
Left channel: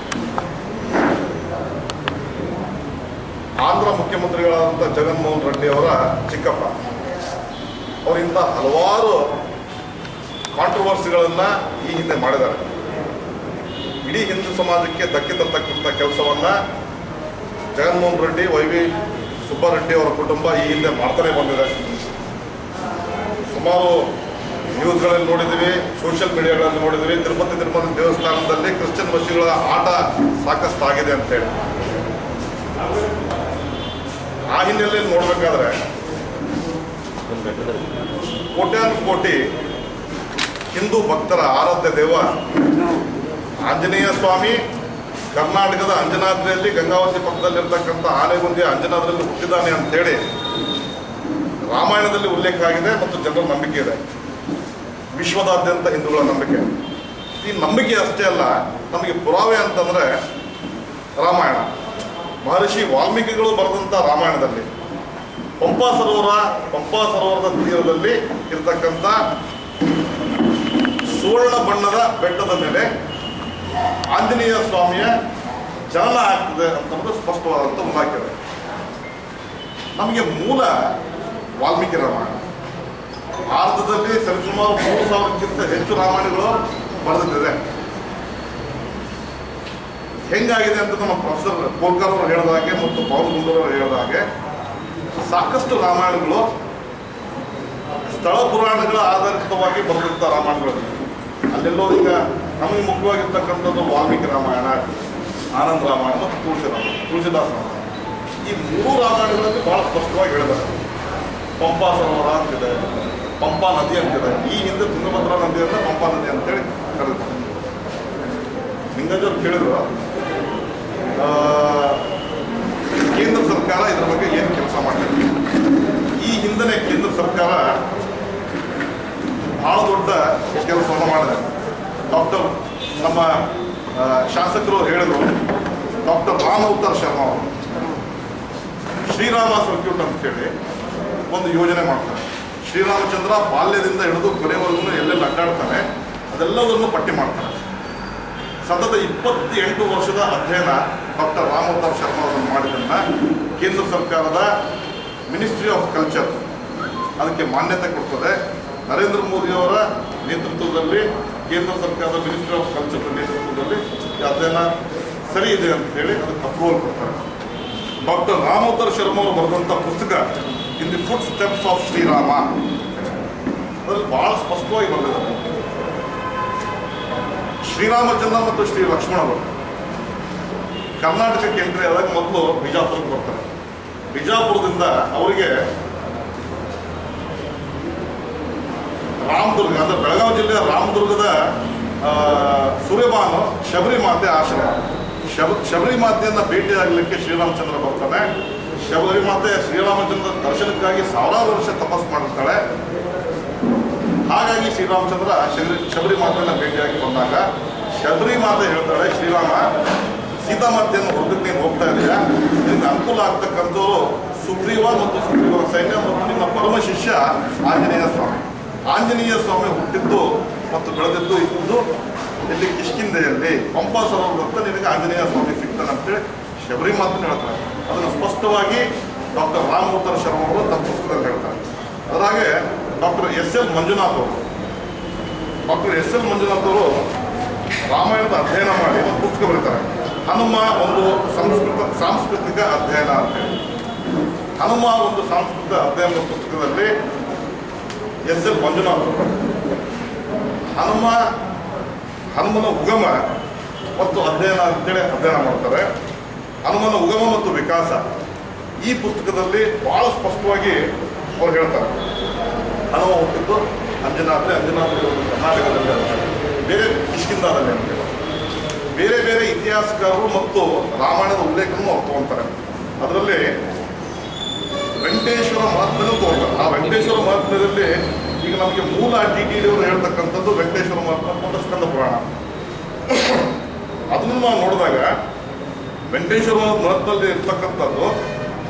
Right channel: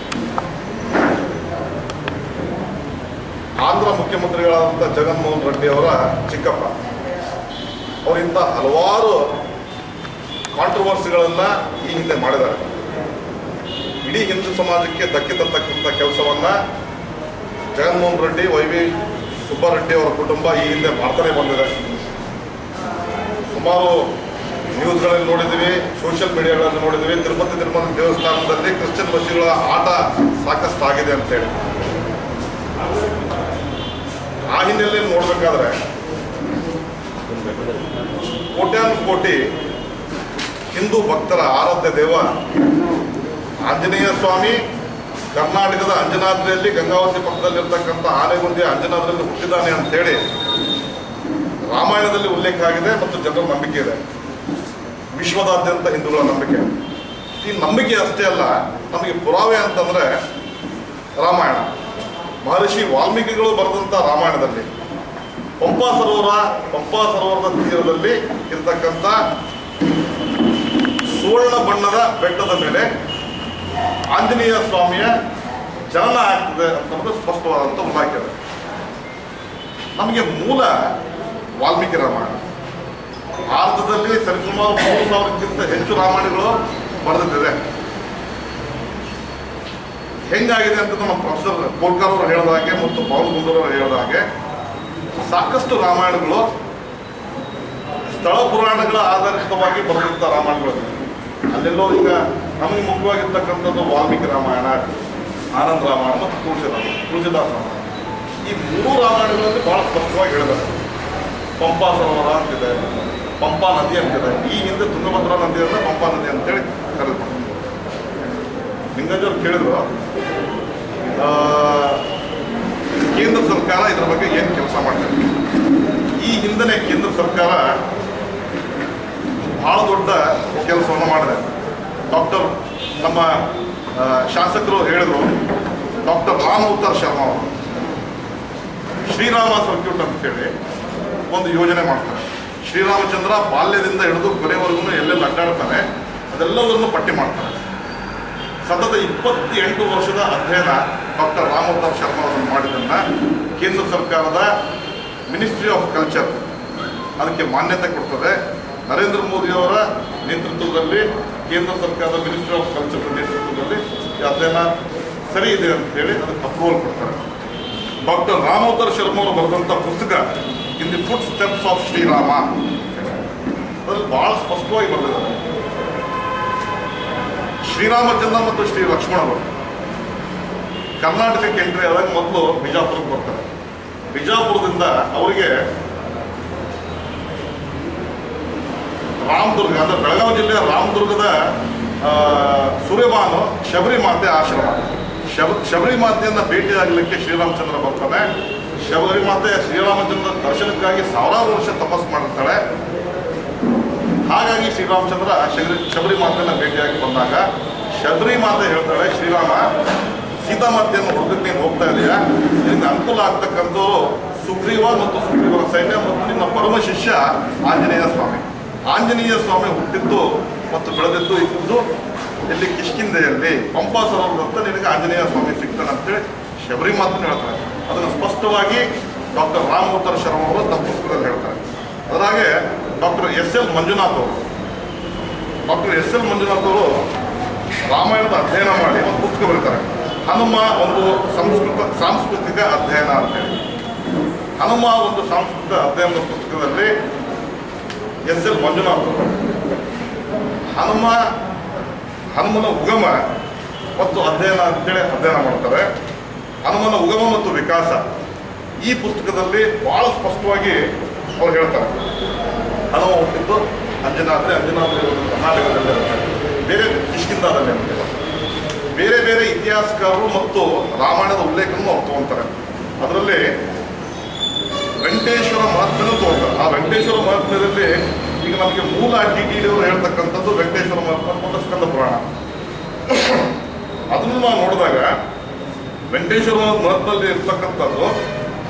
ಆಂಧ್ರ ಮುಖ್ಯಮಂತ್ರಿಗಳಾದಂಥ ಜಗನ್ಮೋಹನ್ ರೆಡ್ಡಿ ಅವರ ಚಿಕ್ಕಪ್ಪ. ಅವರಿಂದ ಹಲವಾರು ಕಾಂಟ್ರವರ್ಸಿಗಳನ್ನು ಈ ಹಿಂದೆ ಮಾಡಿದ್ದಾರೆ. ಇಡೀ ಹಿಂದೂ ಸಮಾಜಕ್ಕೆ ಧಕ್ಕೆ ತರ್ತಕ್ಕಂಥ ಕೆಲಸವನ್ನು ಜಗನ್ಮೋಹನ್ ರೆಡ್ಡಿ, ವೈ.ವಿ. ಸುಬ್ಬಾರೆಡ್ಡಿ ಅವರ ಕುಟುಂಬ ಈ ಹಿಂದೆ ಮಾಡ್ತಾನೆ ಬಂದಿದೆ. ಸುಮಾರು ನ್ಯೂಸ್ಗಳಲ್ಲಿ ನೋಡಿದ್ದೀವಿ, ಸೋಷಿಯಲ್ ಮೀಡಿಯಾಗಳಲ್ಲಿ ನೋಡಿದ್ದೀವಿ. ತಿರುಪತಿ ದೇವಸ್ಥಾನದಲ್ಲಿ ಕ್ರಿಶ್ಚಿಯನ್ ಬಸ್ಸುಗಳ ಆಟ ಸಾಕಷ್ಟು ಆಗಿದೆ ಅಂತೇಳಿ. ಆ ಹಿನ್ನೆಲೆಯಲ್ಲಿ ನೋಡಬೇಕಾದ್ರೆ ಕೋಟ್ಯಾನು ಕೋಟಿ ಹಿಂದೂ ಭಕ್ತರ ಆರಾಧ್ಯ ದೇವ ಆಂಜನೇಯ ಸ್ವಾಮಿ ಕರ್ನಾಟಕದ ಅಂಜನಾದ್ರಿಯಲ್ಲಿ ಗಂಗಾವತಿ ಪಕ್ಕದಲ್ಲಿರ್ತಕ್ಕಂಥ ಆನೆಗುಂದಿಯ ಅಂಜನಾದ್ರಿಯಲ್ಲಿ ಹುಟ್ಟಿದ್ದಾನೆ ಅಂತೇಳಿ ರಾಮಾಯಣದಲ್ಲಿ ಉಲ್ಲೇಖ ಆಗಿದೆ ಮತ್ತು ಜನರ ನಂಬಿಕೆ ಇದೆ. ವಿಶ್ವದಾದ್ಯಂತ ಹಿಂದೂಗಳ ನಂಬಿಕೆ. ಈ ನಂಬಿಕೆ ಅಷ್ಟೇ ಅಲ್ಲ, ನಮಗೆ ಪುರಾವೆ ಅಂತಂದರೆ ರಾಮಾಯಣ. ಮಹರ್ಷಿ ವಾಲ್ಮೀಕಿಗಳು ಬರೆದಂಥ ರಾಮಾಯಣದಲ್ಲಿ ಪಂಪಾ ಸರೋವರದ ತೀರದಲ್ಲಿ ಇರತಕ್ಕಂಥ ಸುವರ್ಣ ಬಣ್ಣದ ಬೆಟ್ಟದ ಮೇಲೆ ಆಂಜನೇಯ ಸ್ವಾಮಿಯ ಜನನ ಆಗ್ತದೆ ಅಂತಂದ್ರೆ ಸ್ಪಷ್ಟವಾದಂಥ ಉಲ್ಲೇಖ. ನಮಗೆ ಮೂಲ ವಾಲ್ಮೀಕಿ ರಾಮಾಯಣ. ಭಾರತದಲ್ಲಿ ಸರಿಸುಮಾರು 3000ಕ್ಕಿಂತ ಹೆಚ್ಚು ರಾಮಾಯಣಗಳು ಬರೆದಿದೆ. ಹೆಂಗಾಗಿದೆ ಅಂತ ನಮ್ಮ ಪ್ರೊಫೆಸರ್ ಕೋಲ್ಕರ್ ಅವರು ಹೇಳಿದ ಹಾಗೆ ಮತ್ತು ಪವನ್ ಕುಂದೂರ್ ಅವರು ಹೇಳಿದ ಹಾಗೆ ಸಾಕಷ್ಟು ರಾಮಾಯಣಗಳು ಸ್ಥಳ ಪುರಾಣಗಳ ಆಧಾರಿತವಾಗಿ ಬರೆದಿದ್ದ ರಾಮಾಯಣಗಳು. ಅಲ್ಲೆಲ್ಲೋ ಈಗ ನಮಗೆ ಮುಖ್ಯವಾಗಿರ್ತಕ್ಕಂಥದ್ದು ವಾಲ್ಮೀಕಿ ರಾಮಾಯಣ, ಆನಂದ ರಾಮಾಯಣ ಮತ್ತು ತುಳಸಿದಾಸ ರಾಮಾಯಣ. ಈ 3 ರಾಮಾಯಣಗಳಲ್ಲಿ ಭಾಳ ಸ್ಪಷ್ಟವಾಗಿ ಹೇಳಿದ್ದಾರೆ. ಪಂಪಾ ಸರೋವರ ಅಂತಿದೆ, ಪಂಪಾ ನದಿ ಅಂತಿದೆ. ಈ ಹಿಂದೆ ತುಂಗಭದ್ರಾ ನದಿಯನ್ನು ಪಂಪಾ ನದಿ ಅಂತೇಳಿ ಕರೆದುಕೊಂಡು ಲಿಂಗರಾಜವ್ರು ಕೇಳಿದ್ರು, ಕೇಂದ್ರ ಸರ್ಕಾರ ಇದರ ಬಗ್ಗೆ ಏನು ಕೆಲಸ ಮಾಡ್ತಾರೆ. ಈ ಹಿಂದೆ ಕೇಂದ್ರ ಸರ್ಕಾರ ಬಹಳ ದೊಡ್ಡ ಕೆಲಸವನ್ನು ಮಾಡಿದೆ. ನಮ್ಮ ಶಾಸಕರು ಹೇಳಿದರು, ಡಾಕ್ಟರ್ ರಾಮ್ ಅವತಾರ್ ಶರ್ಮಾ ಅವರು ಶ್ರೀರಾಮ ಸರ್ಕ್ಯೂಟ್ ಅಂತ ಹೇಳಿ ಒಂದು ಯೋಜನೆ ಮಾಡ್ತಾರೆ. ಶ್ರೀರಾಮಚಂದ್ರ ಬಾಲ್ಯದಿಂದ ಹಿಡಿದು ಕೊನೆವರೆಗೂ ಎಲ್ಲೆಲ್ಲಿ ಅಡ್ಡಾಡ್ತಾನೆ ಅದೆಲ್ಲವನ್ನು ಪಟ್ಟಿ ಮಾಡ್ತಾರೆ. ಸತತ 28 ವರ್ಷದ ಅಧ್ಯಯನ ಡಾಕ್ಟರ್ ರಾಮ್ ಅವತಾರ್ ಶರ್ಮಾ ಅವರು ಮಾಡಿದ್ದನ್ನು ಕೇಂದ್ರ ಸರ್ಕಾರದ ಮಿನಿಸ್ಟ್ರಿ ಆಫ್ ಕಲ್ಚರ್ ಅದಕ್ಕೆ ಮಾನ್ಯತೆ ಕೊಡ್ತದೆ. ನರೇಂದ್ರ ಮೋದಿಯವರ ನೇತೃತ್ವದಲ್ಲಿ ಕೇಂದ್ರ ಸರ್ಕಾರದ ಮಿನಿಸ್ಟ್ರಿ ಆಫ್ ಕಲ್ಚರ್ ನೇತೃತ್ವದಲ್ಲಿ ಈ ಅಧ್ಯಯನ ಸರಿ ಇದೆ ಅಂತ ಹೇಳಿ ಅದಕ್ಕೆ ಅಪ್ರೂವಲ್ ಕೊಡ್ತಾರೆ. ಡಾಕ್ಟರ್ ರಾಮ್ ಅವತಾರ್ ಶರ್ಮಾ ಅವರು ಬರೆದಂಥ ಪುಸ್ತಕ in the footsteps of Shrirama ಅದರಲ್ಲಿ ಭಾಳ ಸ್ಪಷ್ಟವಾಗಿ ಬರೆದಿದ್ದಾರೆ. ಶ್ರೀರಾಮಚಂದ್ರ ಮತ್ತು ಶ್ರೀ ಲಕ್ಷ್ಮಣರು ಕರ್ನಾಟಕಕ್ಕೆ ಎಂಟ್ರಿ ಆದಾಗ ಮೊದಲು ಬಿಜಾಪುರಕ್ಕೆ ಬರ್ತಾರೆ. ಬಿಜಾಪುರದಿಂದ ಅವರಿಗೆ ರಾಮದುರ್ಗ ಅಂದರೆ ಬೆಳಗಾವಿ ಜಿಲ್ಲೆಯ ರಾಮದುರ್ಗದ ಸೂರ್ಯಭಾನು ಶಬರಿ ಮಾತೆ ಆಶ್ರಮ. ಶಬರಿ ಮಾತೆಯನ್ನು ಭೇಟಿಯಾಗಲಿಕ್ಕೆ ಶ್ರೀರಾಮಚಂದ್ರ ಬರ್ತಾನೆ. ಶಬರಿ ಮಾತೆ ಶ್ರೀರಾಮಚಂದ್ರ ದರ್ಶನಕ್ಕಾಗಿ ಸಾವಿರಾರು ವರ್ಷ ತಪಸ್ಸು ಮಾಡಿರ್ತಾಳೆ. ಹಾಗಾಗಿ ಶ್ರೀರಾಮಚಂದ್ರ ಶಬರಿ ಮಾತೆಯನ್ನು ಭೇಟಿಯಾಗಿ ಬಂದಾಗ ಶಬರಿ ಮಾತೆ ಹೇಳ್ತಾಳೆ, ಶ್ರೀರಾಮ, ಸೀತಾಮಾತೆಯನ್ನು ಹುಡುಕಕ್ಕೆ ನೀನು ಹೋಗ್ತಾ ಇದೆಯಾ, ನಿನಗೆ ಅನುಕೂಲ ಆಗ್ತಕ್ಕಂಥವ್ರು ಸುಗ್ರೀವ ಮತ್ತು ಸುಗ್ರೀವನ ಸೈನ್ಯ ಮತ್ತು ನಿನ್ನ ಪರಮ ಶಿಷ್ಯ ಆಂಜನೇಯ ಸ್ವಾಮಿ. ಆಂಜನೇಯ ಸ್ವಾಮಿ ಹುಟ್ಟಿದ್ದು ಮತ್ತು ಬೆಳೆದಿದ್ದು ಇದ್ದು ಇಲ್ಲಿ ಕಿಷ್ಕಿಂಧೆಯಲ್ಲಿ ಪಂಪಾ ಸರೋವರದಂತ ನಿನಗೆ ಆಂಜನೇಯ ಸ್ವಾಮಿ ಸಿಗ್ತಾನೆ ಅಂತೇಳಿ ಶಬರಿ ಮಾತನ್ನು ಹೇಳ್ತಾರೆ. ಅದನ್ನು ಸ್ಪಷ್ಟವಾಗಿ ಡಾಕ್ಟರ್ ರಾಮ್ ಅವತಾರ್ ಶರ್ಮಾ ಅವರು ತಮ್ಮ ಪುಸ್ತಕದಲ್ಲಿ ಹೇಳ್ತಾರೆ. ಅದಾಗೆ ಡಾಕ್ಟರ್ ಎಸ್.ಎಲ್. ಮಂಜುನಾಥ್ ಅವರು ರಾಮಾಯಣದ ಅಧ್ಯಯನ ಮಾಡಿ ಒಂದು ಪುಸ್ತಕ ಬರೀತಾರೆ, ಹನುಮ ಒಂದು ಸಾಂಸ್ಕೃತಿಕ ಅಧ್ಯಯನ ಅಂತೇಳಿ. ಹನುಮ ಒಂದು ಸಾಂಸ್ಕೃತಿಕ ಅಧ್ಯಯನದ ಪುಸ್ತಕದಲ್ಲಿ ಎಸ್.ಎಲ್. ಮಂಜುನಾಥ್ ಅವರು ಹನುಮನ ಉಗಮ ಮತ್ತು ಅಧ್ಯಯನ ಅಂತೇಳಿ ಅಧ್ಯಯನ ಮಾಡ್ತಾರೆ. ಹನುಮನ ಉಗಮ ಮತ್ತು ವಿಕಾಸ ಈ ಪುಸ್ತಕದಲ್ಲಿ ಭಾಳ ಸ್ಪಷ್ಟವಾಗಿ ಅವ್ರು ಹೇಳ್ತಾರೆ. ಹನುಮ ಹುಟ್ಟಿದ್ದು ಅಂಜನಾದ್ರಿ ಒಂದು ಕರ್ನಾಟಕದಲ್ಲಿ ಅಂತಾರೆ, ಬೇರೆ ಕಿಷ್ಕಿಂಧಾದಲ್ಲಿ ಅಂತಾರೆ. ಬೇರೆ ಬೇರೆ ಇತಿಹಾಸಕಾರರು ಮತ್ತು ರಾಮಾಯಣದ ಉಲ್ಲೇಖನೂ ಅವ್ರು ತೊಗೊಳ್ತಾರೆ. ಅದರಲ್ಲಿ ವೆಂಕಟೇಶ್ವರ ಮಹಾತ್ಮೆನೂ ತೊಗೊಳ್ತಾರೆ. ಆ ವೆಂಕಟೇಶ್ವರ ಮಹಾತ್ಮ್ಯದಲ್ಲಿ ಈಗ ನಮಗೆ ಮೂಲ TTD ಅವರು ಹೇಳ್ತಕ್ಕಂಥದ್ದು ವೆಂಕಟೇಶ್ವರ ಮಹಾತ್ಮ ಸ್ಕಂದ ಪುರಾಣ. ಅದನ್ನು ನಾವು ನೋಡಿದಾಗ ವೆಂಕಟೇಶ್ವರ ಮಹತ್ವದಲ್ಲಿ ಇರ್ತಕ್ಕಂಥದ್ದು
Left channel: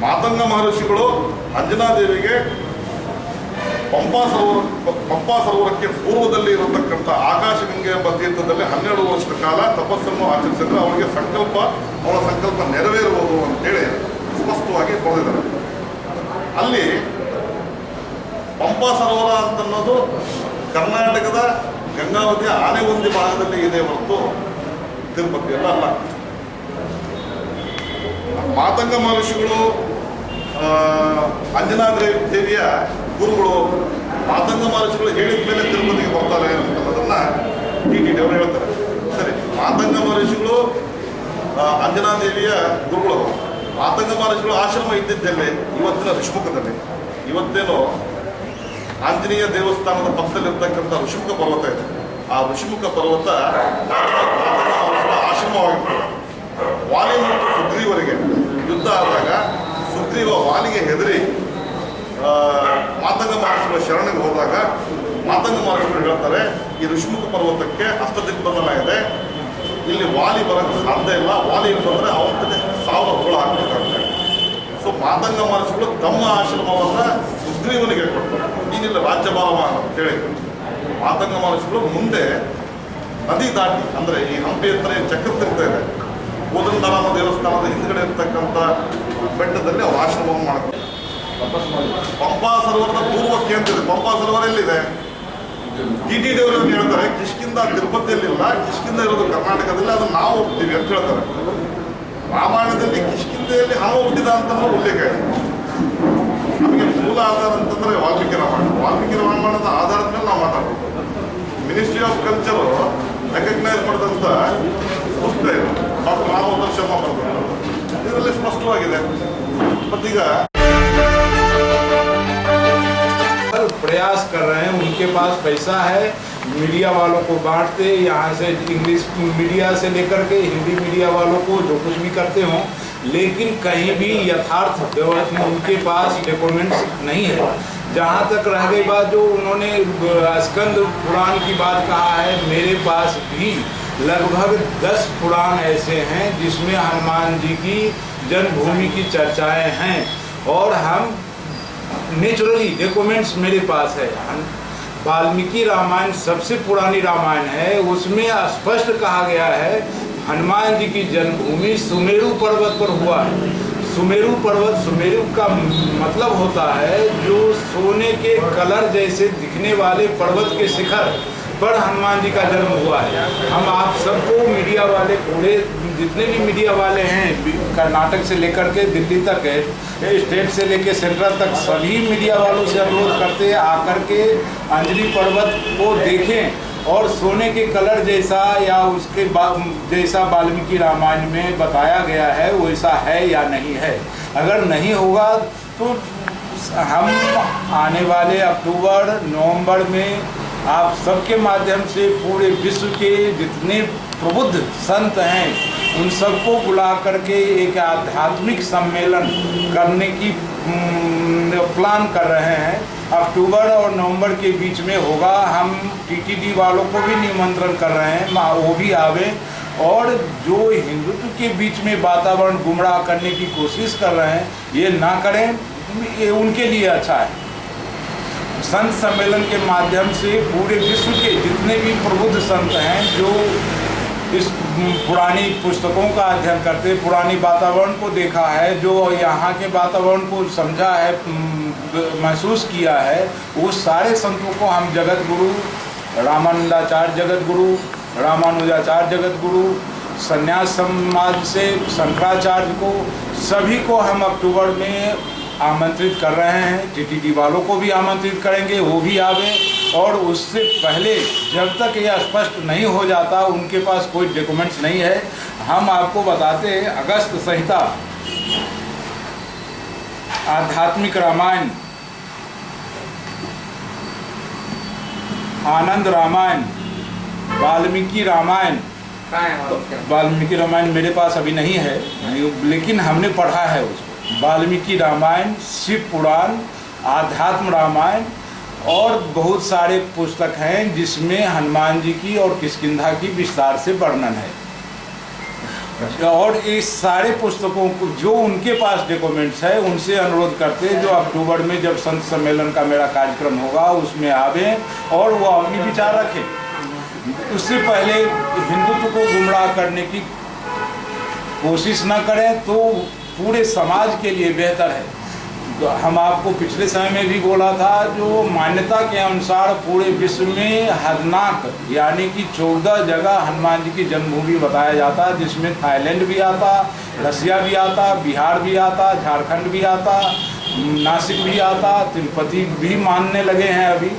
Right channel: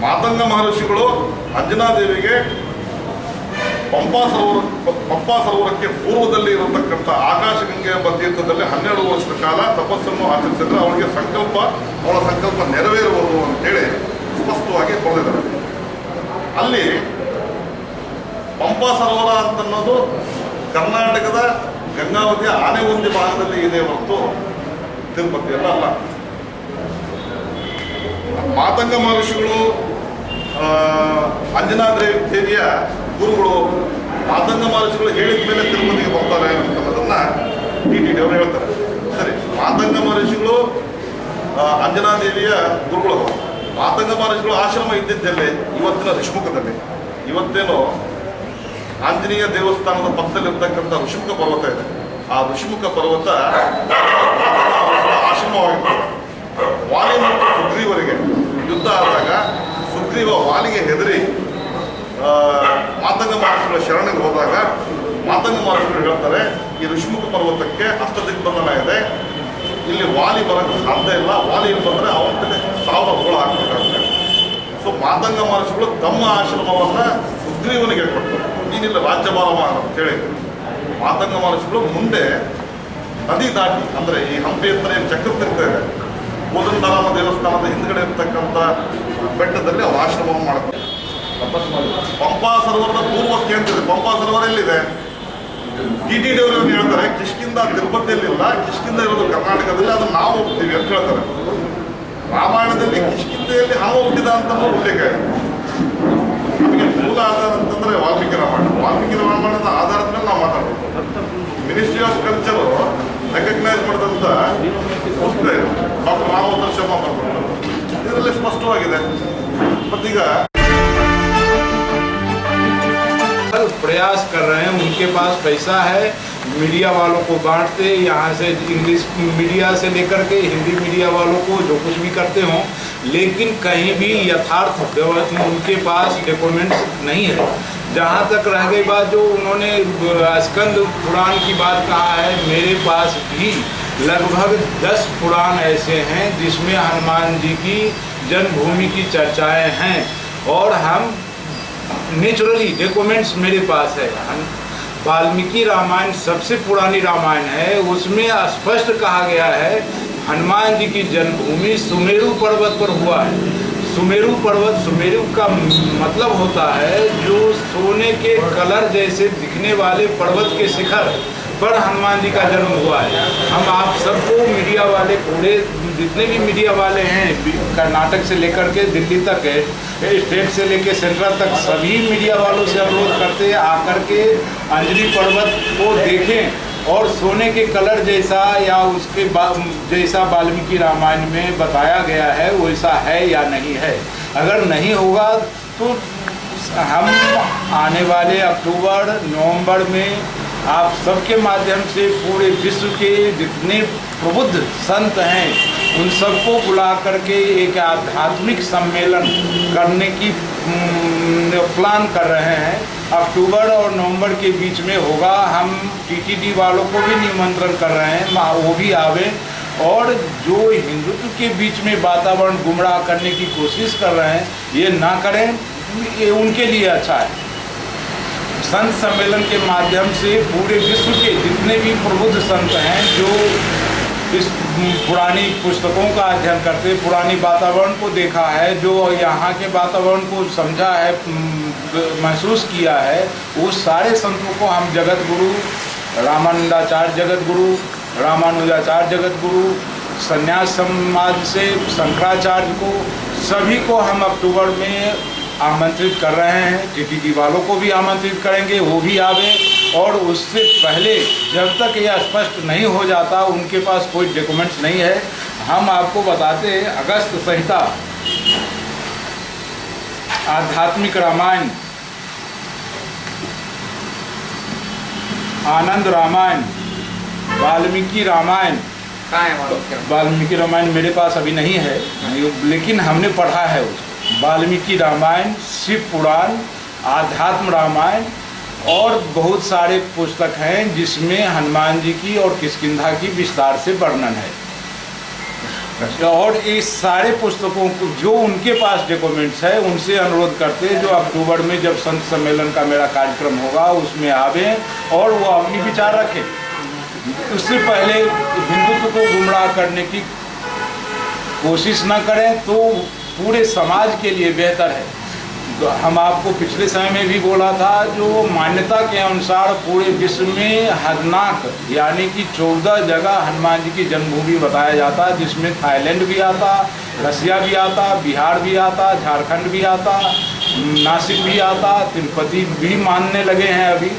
ಮಾತಂಗ ಮಹರ್ಷಿಗಳು ಅಂಜನಾದೇವಿಗೆ ಪಂಪಾ ಸರೋವರಕ್ಕೆ ಪೂರ್ವದಲ್ಲಿ ಇರತಕ್ಕಂಥ ಆಕಾಶಗಂಗೆ ಎಂಬ ತೀರ್ಥದಲ್ಲಿ 12 ವರ್ಷದ ಕಾಲ ತಪಸ್ಸನ್ನು ಆಚರಿಸಿದ್ರೆ ಅವಳ ಸಂಕಲ್ಪ ನೆರವೇರುವುದು ಅಂತೇಳಿ ಸ್ಪಷ್ಟವಾಗಿ ಬರೆದಿದ್ದಾರೆ. ಅಲ್ಲಿ ಪಂಪಾ ಸರೋವರ ಅಂತನ್ನೋದು ಕರ್ನಾಟಕದ ಗಂಗಾವತಿಯ ಆನೆಗೊಂದಿ ಭಾಗದಲ್ಲಿ ಇದೆ ಹೊರತು ತಿರುಪತಿಯಲ್ಲ ಅಲ್ಲ. ಮಾತಂಗ ಮಹರ್ಷಿಗಳು ಅಂಜನಾದೇವಿಯ ಗುರುಗಳು, ಮಾತಂಗ ಮಹರ್ಷಿಗಳು ಹೇಳಿದ ಮೇಲೆ ತಿರುಪತಿಗೆ ಬರ್ತಾರೆ ಅನ್ನೋದನ್ನ TTD ಅವರು ಹೇಳ್ತಾರೆ. ಸರಿ, ಮಾತಂಗ ಮಹರ್ಷಿಗಳು ಅಂಜನಾದೇವಿಯ ಗುರುಗಳು. ಮಾತಂಗ ಮಹರ್ಷಿಗಳು ಆಶ್ರಮ ಇದ್ದಿದ್ದಲ್ಲೇ ಇವತ್ತಿನ ಋಷಿಮುಖದಲ್ಲಿ. ಇವತ್ತೇನು ಆಂಜನೇಯ ದೇವಸ್ಥಾನದ ಪಕ್ಕದಲ್ಲಿರ್ತಕ್ಕಂಥ ಋಷಿಮುಖ ಪರ್ವತ ಇದೆ. ಆ ಋಷಿಮುಖ ಪರ್ವತ ಮಾತಂಗ ಮಹರ್ಷಿಗಳ ಆಶ್ರಮವಾಗಿರ್ತದೆ. ವಾಲಿ ಮತ್ತು ಸುಗ್ರೀವರಿಗೆ ಯುದ್ಧ ಆದಾಗ ಸುಗ್ರೀವ ವಾಲಿಗೆ ಹೆದರಿ ಮಾತಂಗ ಮಹರ್ಷಿಗಳ ಶರಣೆಗೆ ಹೋದಾಗ ಮಾತಂಗ ಮಹರ್ಷಿಗಳು ಹೇಳ್ತಾರೆ, ಈ ಋಷಿಮುಖ ಪರ್ವತಕ್ಕೆ ಅಷ್ಟದಿಗ್ಬಂಧನ ಇದೆ, ಇಲ್ಲಿ ವಾಲಿ ಬರೋಕ್ಕೆ ಸಾಧ್ಯ ಇಲ್ಲ, ವಾಲಿ ಇಲ್ಲಿ ಬಂದರೆ ಅವನ ಕಡೆ ಸಾವಿರ ಹೋಳು ಹಾಕಬೇಕಾಗುತ್ತೆ. ಸೊ ಮಾತಂಗ ಮಹರ್ಷಿಗಳು ತಮ್ಮ ಆಶ್ರಮವನ್ನು ಸುಗ್ರೀವನಿಗೆ ಕೊಡ್ತಾರೆ, ನೀನಿಲ್ಲ ರಾಜ್ಯಭಾರ ಅಂತೇಳಿ. ಮಾತಂಗ ಮಹರ್ಷಿಗಳು ಮುಂದೆ ನದಿ ದಾಟಿ, ಅಂದರೆ ಈ ಹಂಪಿ ಹತ್ರ ಚಕ್ರ ತಿರ್ತಾ ಇದೆ, ಕೋದಂಡರಾಮ ದೇವಸ್ಥಾನದ ಹಿಂದ್ಗಡೆ ಇರ್ತಕ್ಕಂಥ ಬೆಟ್ಟದಲ್ಲಿ ಅವ್ರು ಆಶ್ರಮವನ್ನು ಮಾಡ್ತಾರೆ. ಪಂಪಾ ಸರೋವರದ ಪೂರ್ವಕ್ಕೆ ಅಂತಿದೆ. ಪಂಪಾ ಸರೋವರ ಎಲ್ಲಿದೆ? TTD ಅವರು ಹೇಳ್ತಾರೆ ಕಿಷ್ಕಿಂದ ತಿರುಪತಿಯಲ್ಲಿಲ್ಲ, ಕಿಷ್ಕಿಂದ ಇರೋದು ಕರ್ನಾಟಕದಲ್ಲಿ, ಅದನ್ನು ನಾವು ಹೋಗ್ತೀವಿ ಅಂತ ಹೇಳ್ತಾರೆ. ರಾಮಾಯಣದಲ್ಲಿ ಕಿಷ್ಕಿಂದೆಯಲ್ಲಿ ಹಾವು ಹುಟ್ಟಿದ ಅಂತ ಉಲ್ಲೇಖ ಇದೆ. ನಮಗೆ ಮೂಲ ಆಧಾರ ಅಂತಂದ್ರೆ ವಾಲ್ಮೀಕಿ ರಾಮಾಯಣ. ವಾಲ್ಮೀಕಿ ರಾಮಾಯಣದ ಆಧಾರದ ಮೇಲೆ ನಾವು ಮಾತಾಡಬೇಕು. ಮಿನಿಸ್ಟ್ರಿ ಆಫ್ ಕಲ್ಚರು ರೆಕಗ್ನೈಸ್ ಮಾಡಿದಂಥ ಪುಸ್ತಕ ಇದು, ಡಾಕ್ಟರ್ ರಾಮೋದರ ಶರ್ಮಾ ಬರೆದು. ಇದರಲ್ಲಿ ಸ್ಪಷ್ಟವಾಗಿದೆ. ಮತ್ತೀಗ प्रयास कर रहे हैं, उनके पास पैसा है, मीडिया वालों को बांटते, यहाँ से इंग्लिश मीडिया से लेकर के हिंदी मीडिया वालों को जो कुछ भी करते हों, लेकिन कहीं भी यथार्थ उनके पास डॉक्यूमेंट्स नहीं है। जहाँ तक रह गई बात जो उन्होंने स्कंद पुराण की बात कहा है, मेरे पास भी लगभग 10 पुराण ऐसे हैं जिसमें हनुमान जी की जन्मभूमि की चर्चाएं हैं, और हम नेचुरली डॉक्यूमेंट्स मेरे पास है। वाल्मीकि रामायण सबसे पुरानी रामायण है, उसमें स्पष्ट कहा गया है हनुमान जी की जन्मभूमि सुमेरु पर्वत पर हुआ है। सुमेरु पर्वत, सुमेरु का मतलब होता है जो सोने के कलर जैसे दिखने वाले पर्वत के शिखर पर हनुमान जी का जन्म हुआ है। हम आप सबको मीडिया वाले, पूरे जितने भी मीडिया वाले हैं, कर्नाटक से लेकर के दिल्ली तक है, स्टेट से लेकर सेंट्रल तक, सभी मीडिया वालों से अनुरोध करते हैं आकर के अंजनी पर्वत को देखें और सोने के कलर जैसा या उसके जैसा वाल्मीकि रामायण में बताया गया है वैसा है या नहीं है। अगर नहीं होगा तो हम आने वाले अक्टूबर नवंबर में आप सबके माध्यम से पूरे विश्व के जितने प्रबुद्ध संत हैं उन सबको बुला करके एक आध्यात्मिक सम्मेलन करने की प्लान कर रहे हैं। अक्टूबर और नवंबर के बीच में होगा। हम TTD वालों को भी निमंत्रण कर रहे हैं, वो भी आवे, और जो हिंदुत्व के बीच में वातावरण गुमराह करने की कोशिश कर रहे हैं ये ना करें, ये उनके लिए अच्छा है। संत सम्मेलन के माध्यम से पूरे विश्व के जितने भी प्रबुद्ध संत हैं जो इस पुरानी पुस्तकों का अध्ययन करते, पुरानी वातावरण को देखा है, जो यहाँ के वातावरण को समझा है, महसूस किया है, वो सारे संतों को हम जगत गुरु रामानंदाचार्य जगत गुरु, रामानुजाचार्य जगत गुरु, संन्यास समाज से शंकराचार्य को, सभी को हम अक्टूबर में आमंत्रित कर रहे हैं। TTD वालों को भी आमंत्रित करेंगे, वो भी आवे। और उससे पहले जब तक यह स्पष्ट नहीं हो जाता, उनके पास कोई डॉक्यूमेंट्स नहीं है, हम आपको बताते हैं अगस्त संहिता, आध्यात्मिक रामायण, आनंद रामायण, वाल्मीकि रामायण। वाल्मीकि रामायण मेरे पास अभी नहीं है, लेकिन हमने पढ़ा है उसको। वाल्मीकि रामायण, शिव पुराण, आध्यात्म रामायण और बहुत सारे पुस्तक हैं जिसमें हनुमान जी की और किष्किंधा की विस्तार से वर्णन है। और इस सारे पुस्तकों को जो उनके पास डॉक्यूमेंट्स है उनसे अनुरोध करते हैं जो अक्टूबर में जब संत सम्मेलन का मेरा कार्यक्रम होगा उसमें आवें और वो अपनी विचार रखें। उससे पहले हिंदुत्व को गुमराह करने की कोशिश न करें तो पूरे समाज के लिए बेहतर है। हम आपको पिछले समय में भी बोला था, जो मान्यता के अनुसार पूरे विश्व में हदनाक यानी कि 14 जगह हनुमान जी की जन्मभूमि बताया जाता, जिसमें थाईलैंड भी आता, रसिया भी आता, बिहार भी आता, झारखंड भी आता, नासिक भी आता, तिरुपति भी मानने लगे हैं अभी,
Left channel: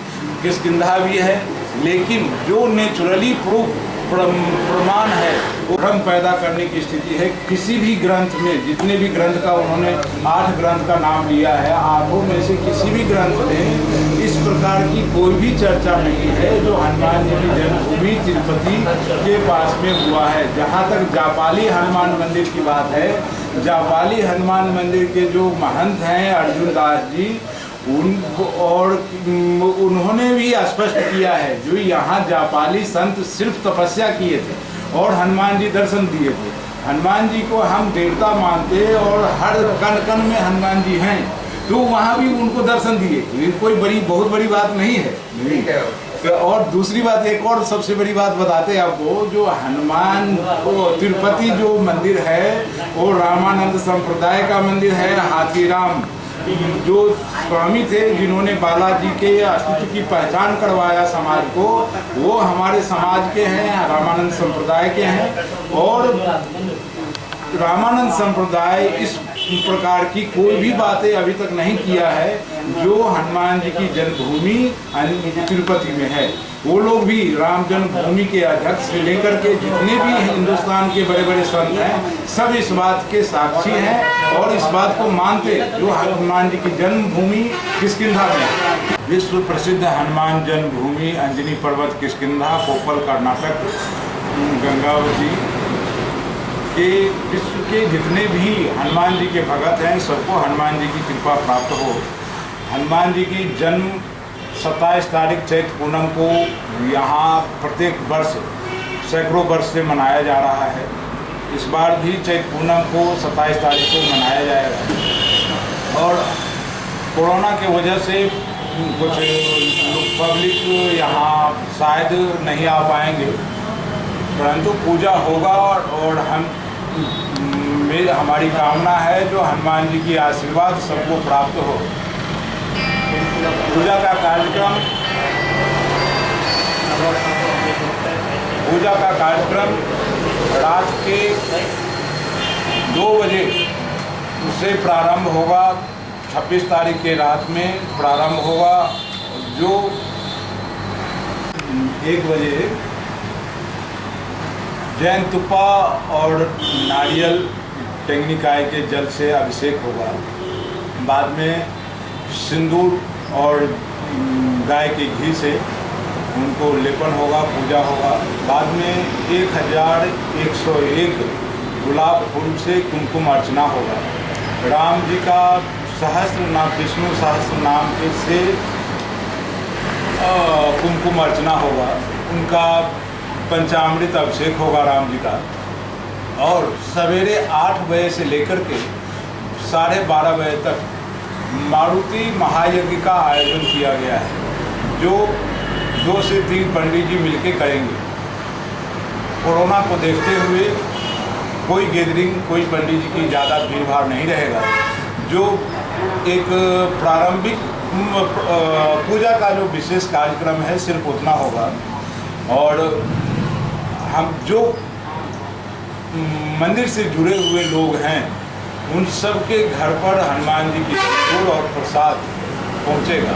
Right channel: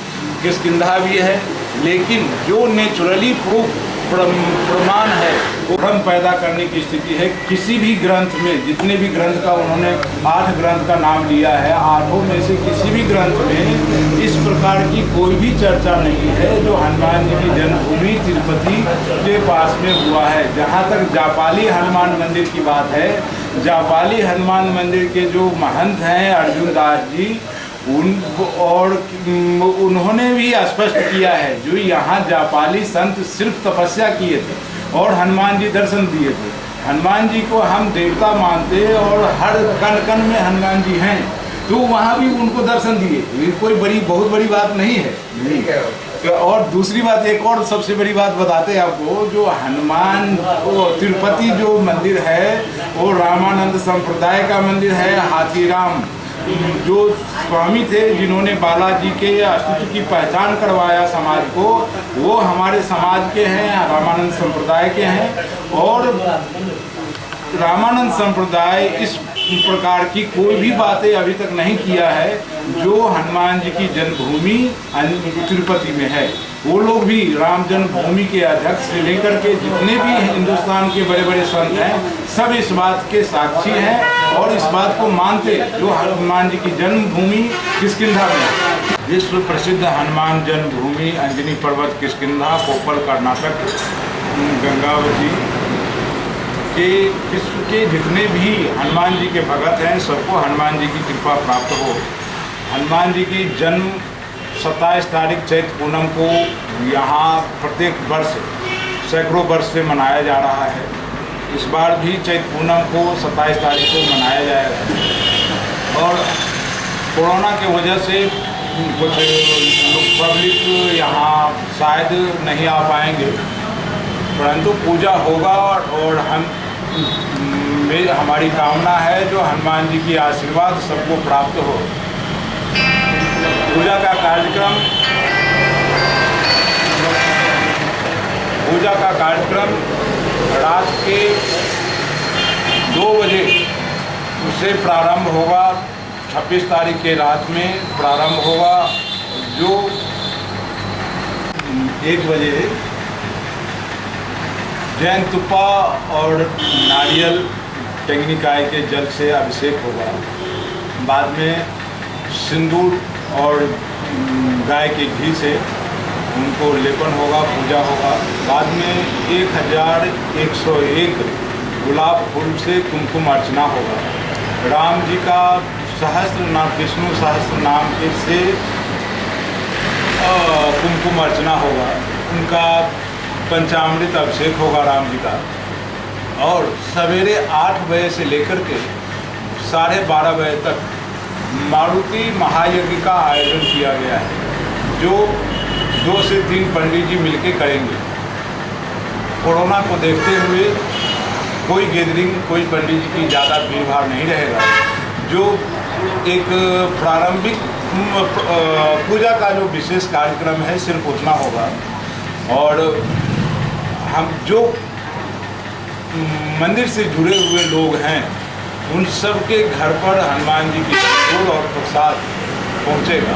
किष्किंधा भी है। लेकिन जो नेचुरली प्रूफ प्रमाण है वो भ्रम पैदा करने की स्थिति है। किसी भी ग्रंथ में, जितने भी ग्रंथ का उन्होंने 8 ग्रंथ का नाम लिया है, 8 में से किसी भी ग्रंथ में इस प्रकार की कोई भी चर्चा नहीं है जो हनुमान जी की जन्मभूमि तिरुपति के पास में हुआ है। जहाँ तक जापाली हनुमान मंदिर की बात है, जापाली हनुमान मंदिर के जो महंत हैं अर्जुन दास जी, उन्होंने भी स्पष्ट किया है जो यहाँ जापाली संत सिर्फ तपस्या किए थे और हनुमान जी दर्शन दिए थे। हनुमान जी को हम देवता मानते और हर कण कण में हनुमान जी हैं, तो वहाँ भी उनको दर्शन दिए। ये कोई बहुत बड़ी बात नहीं है। और दूसरी बात, एक और सबसे बड़ी बात बताते हैं आपको, जो हनुमान तिरुपति जो मंदिर है वो रामानंद संप्रदाय का मंदिर है। हाथीराम जो स्वामी थे जिन्होंने बालाजी के अस्तित्व की पहचान करवाया समाज को, वो हमारे समाज के हैं, रामानंद संप्रदाय के हैं। और रामानंद संप्रदाय इस प्रकार की कोई भी बातें अभी तक नहीं किया है जो हनुमान जी की जन्मभूमि तिरुपति में है। वो लोग भी राम जन्मभूमि के अध्यक्ष से लेकर के जितने भी हिंदुस्तान के बड़े बड़े संत हैं, सब इस बात के साक्षी हैं और इस बात को मानते जो हनुमान जी की जन्मभूमि किष्किंधा में है। विश्व प्रसिद्ध हनुमान जन्मभूमि अंजनी पर्वत किष्किंधा, कोप्पल, कर्नाटक, गंगावती के विश्व के जितने भी हनुमान जी के भगत हैं सबको हनुमान जी की कृपा प्राप्त हो। हनुमान जी की जन्म 27 तारीख चैत्र पूनम को यहाँ प्रत्येक वर्ष सैकड़ों वर्ष से मनाया जा रहा है। इस बार भी चैत्र पूनम को 27 तारीख को मनाया जाएगा। और कोरोना के वजह से कुछ पब्लिक यहाँ शायद नहीं आ पाएंगे, परंतु पूजा होगा और हमारी कामना है जो हनुमान जी की आशीर्वाद सबको प्राप्त हो। पूजा का कार्यक्रम रात के 2 बजे उससे प्रारंभ होगा। 26 तारीख के रात में प्रारंभ होगा, जो 1 बजे जैन तुप्पा और नारियल टेंगनिकाय के जल से अभिषेक होगा। बाद में सिंदूर और गाय के घी से उनको लेपन होगा, पूजा होगा। बाद में 1101 गुलाब फूल से कुमकुम अर्चना होगा। राम जी का सहस्त्र नाम, विष्णु सहस्त्र नाम के से कुमकुम अर्चना होगा। उनका पंचामृत अभिषेक होगा राम जी का। और सवेरे 8 बजे से लेकर के 12:30 बजे तक मारुति महायज्ञ का आयोजन किया गया है, जो 2 से 3 पंडित जी मिलके करेंगे। कोरोना को देखते हुए कोई गैदरिंग, कोई पंडित जी की ज़्यादा भीड़ भाड़ नहीं रहेगा। जो एक प्रारंभिक पूजा का जो विशेष कार्यक्रम है सिर्फ उतना होगा। और हम जो मंदिर से जुड़े हुए लोग हैं उन सब के घर पर हनुमान जी की फूल और प्रसाद पहुंचेगा।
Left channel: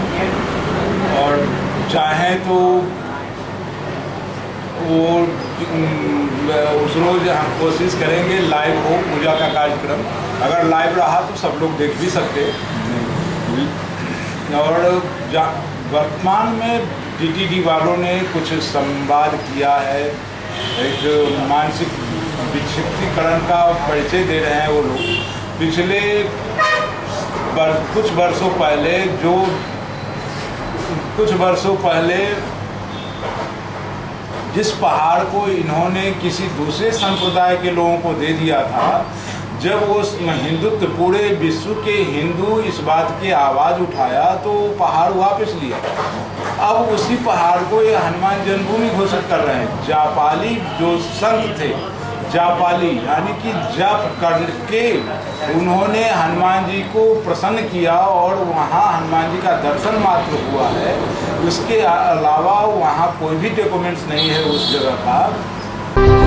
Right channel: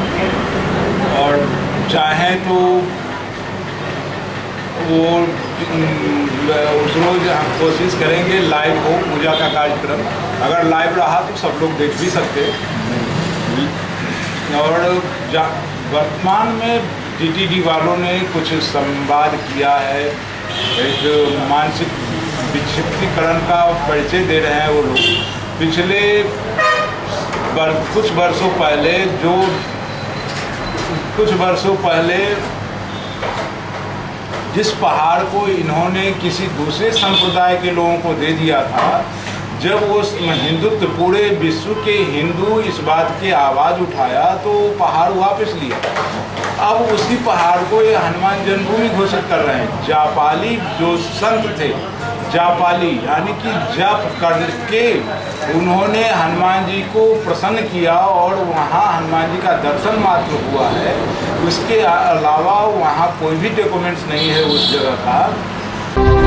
और चाहें तो वो उस रोज हम कोशिश करेंगे लाइव हो पूजा का कार्यक्रम। अगर लाइव रहा तो सब लोग देख भी सकते। और वर्तमान में टीटीडी वालों ने कुछ संवाद किया है, एक मानसिक विक्षिप्तीकरण का परिचय दे रहे हैं वो लोग। पिछले कुछ वर्षों पहले जो कुछ वर्षों पहले जिस पहाड़ को इन्होंने किसी दूसरे संप्रदाय के लोगों को दे दिया था, जब वो हिंदुत्व पूरे विश्व के हिंदू इस बात की आवाज़ उठाया तो वो पहाड़ वापस लिया। अब उसी पहाड़ को ये हनुमान जन्मभूमि घोषित कर रहे हैं। जापाली जो संत थे, जापाली यानी कि जप करके उन्होंने हनुमान जी को प्रसन्न किया और वहाँ हनुमान जी का दर्शन मात्र हुआ है। उसके अलावा वहाँ कोई भी डॉक्यूमेंट्स नहीं है उस जगह का।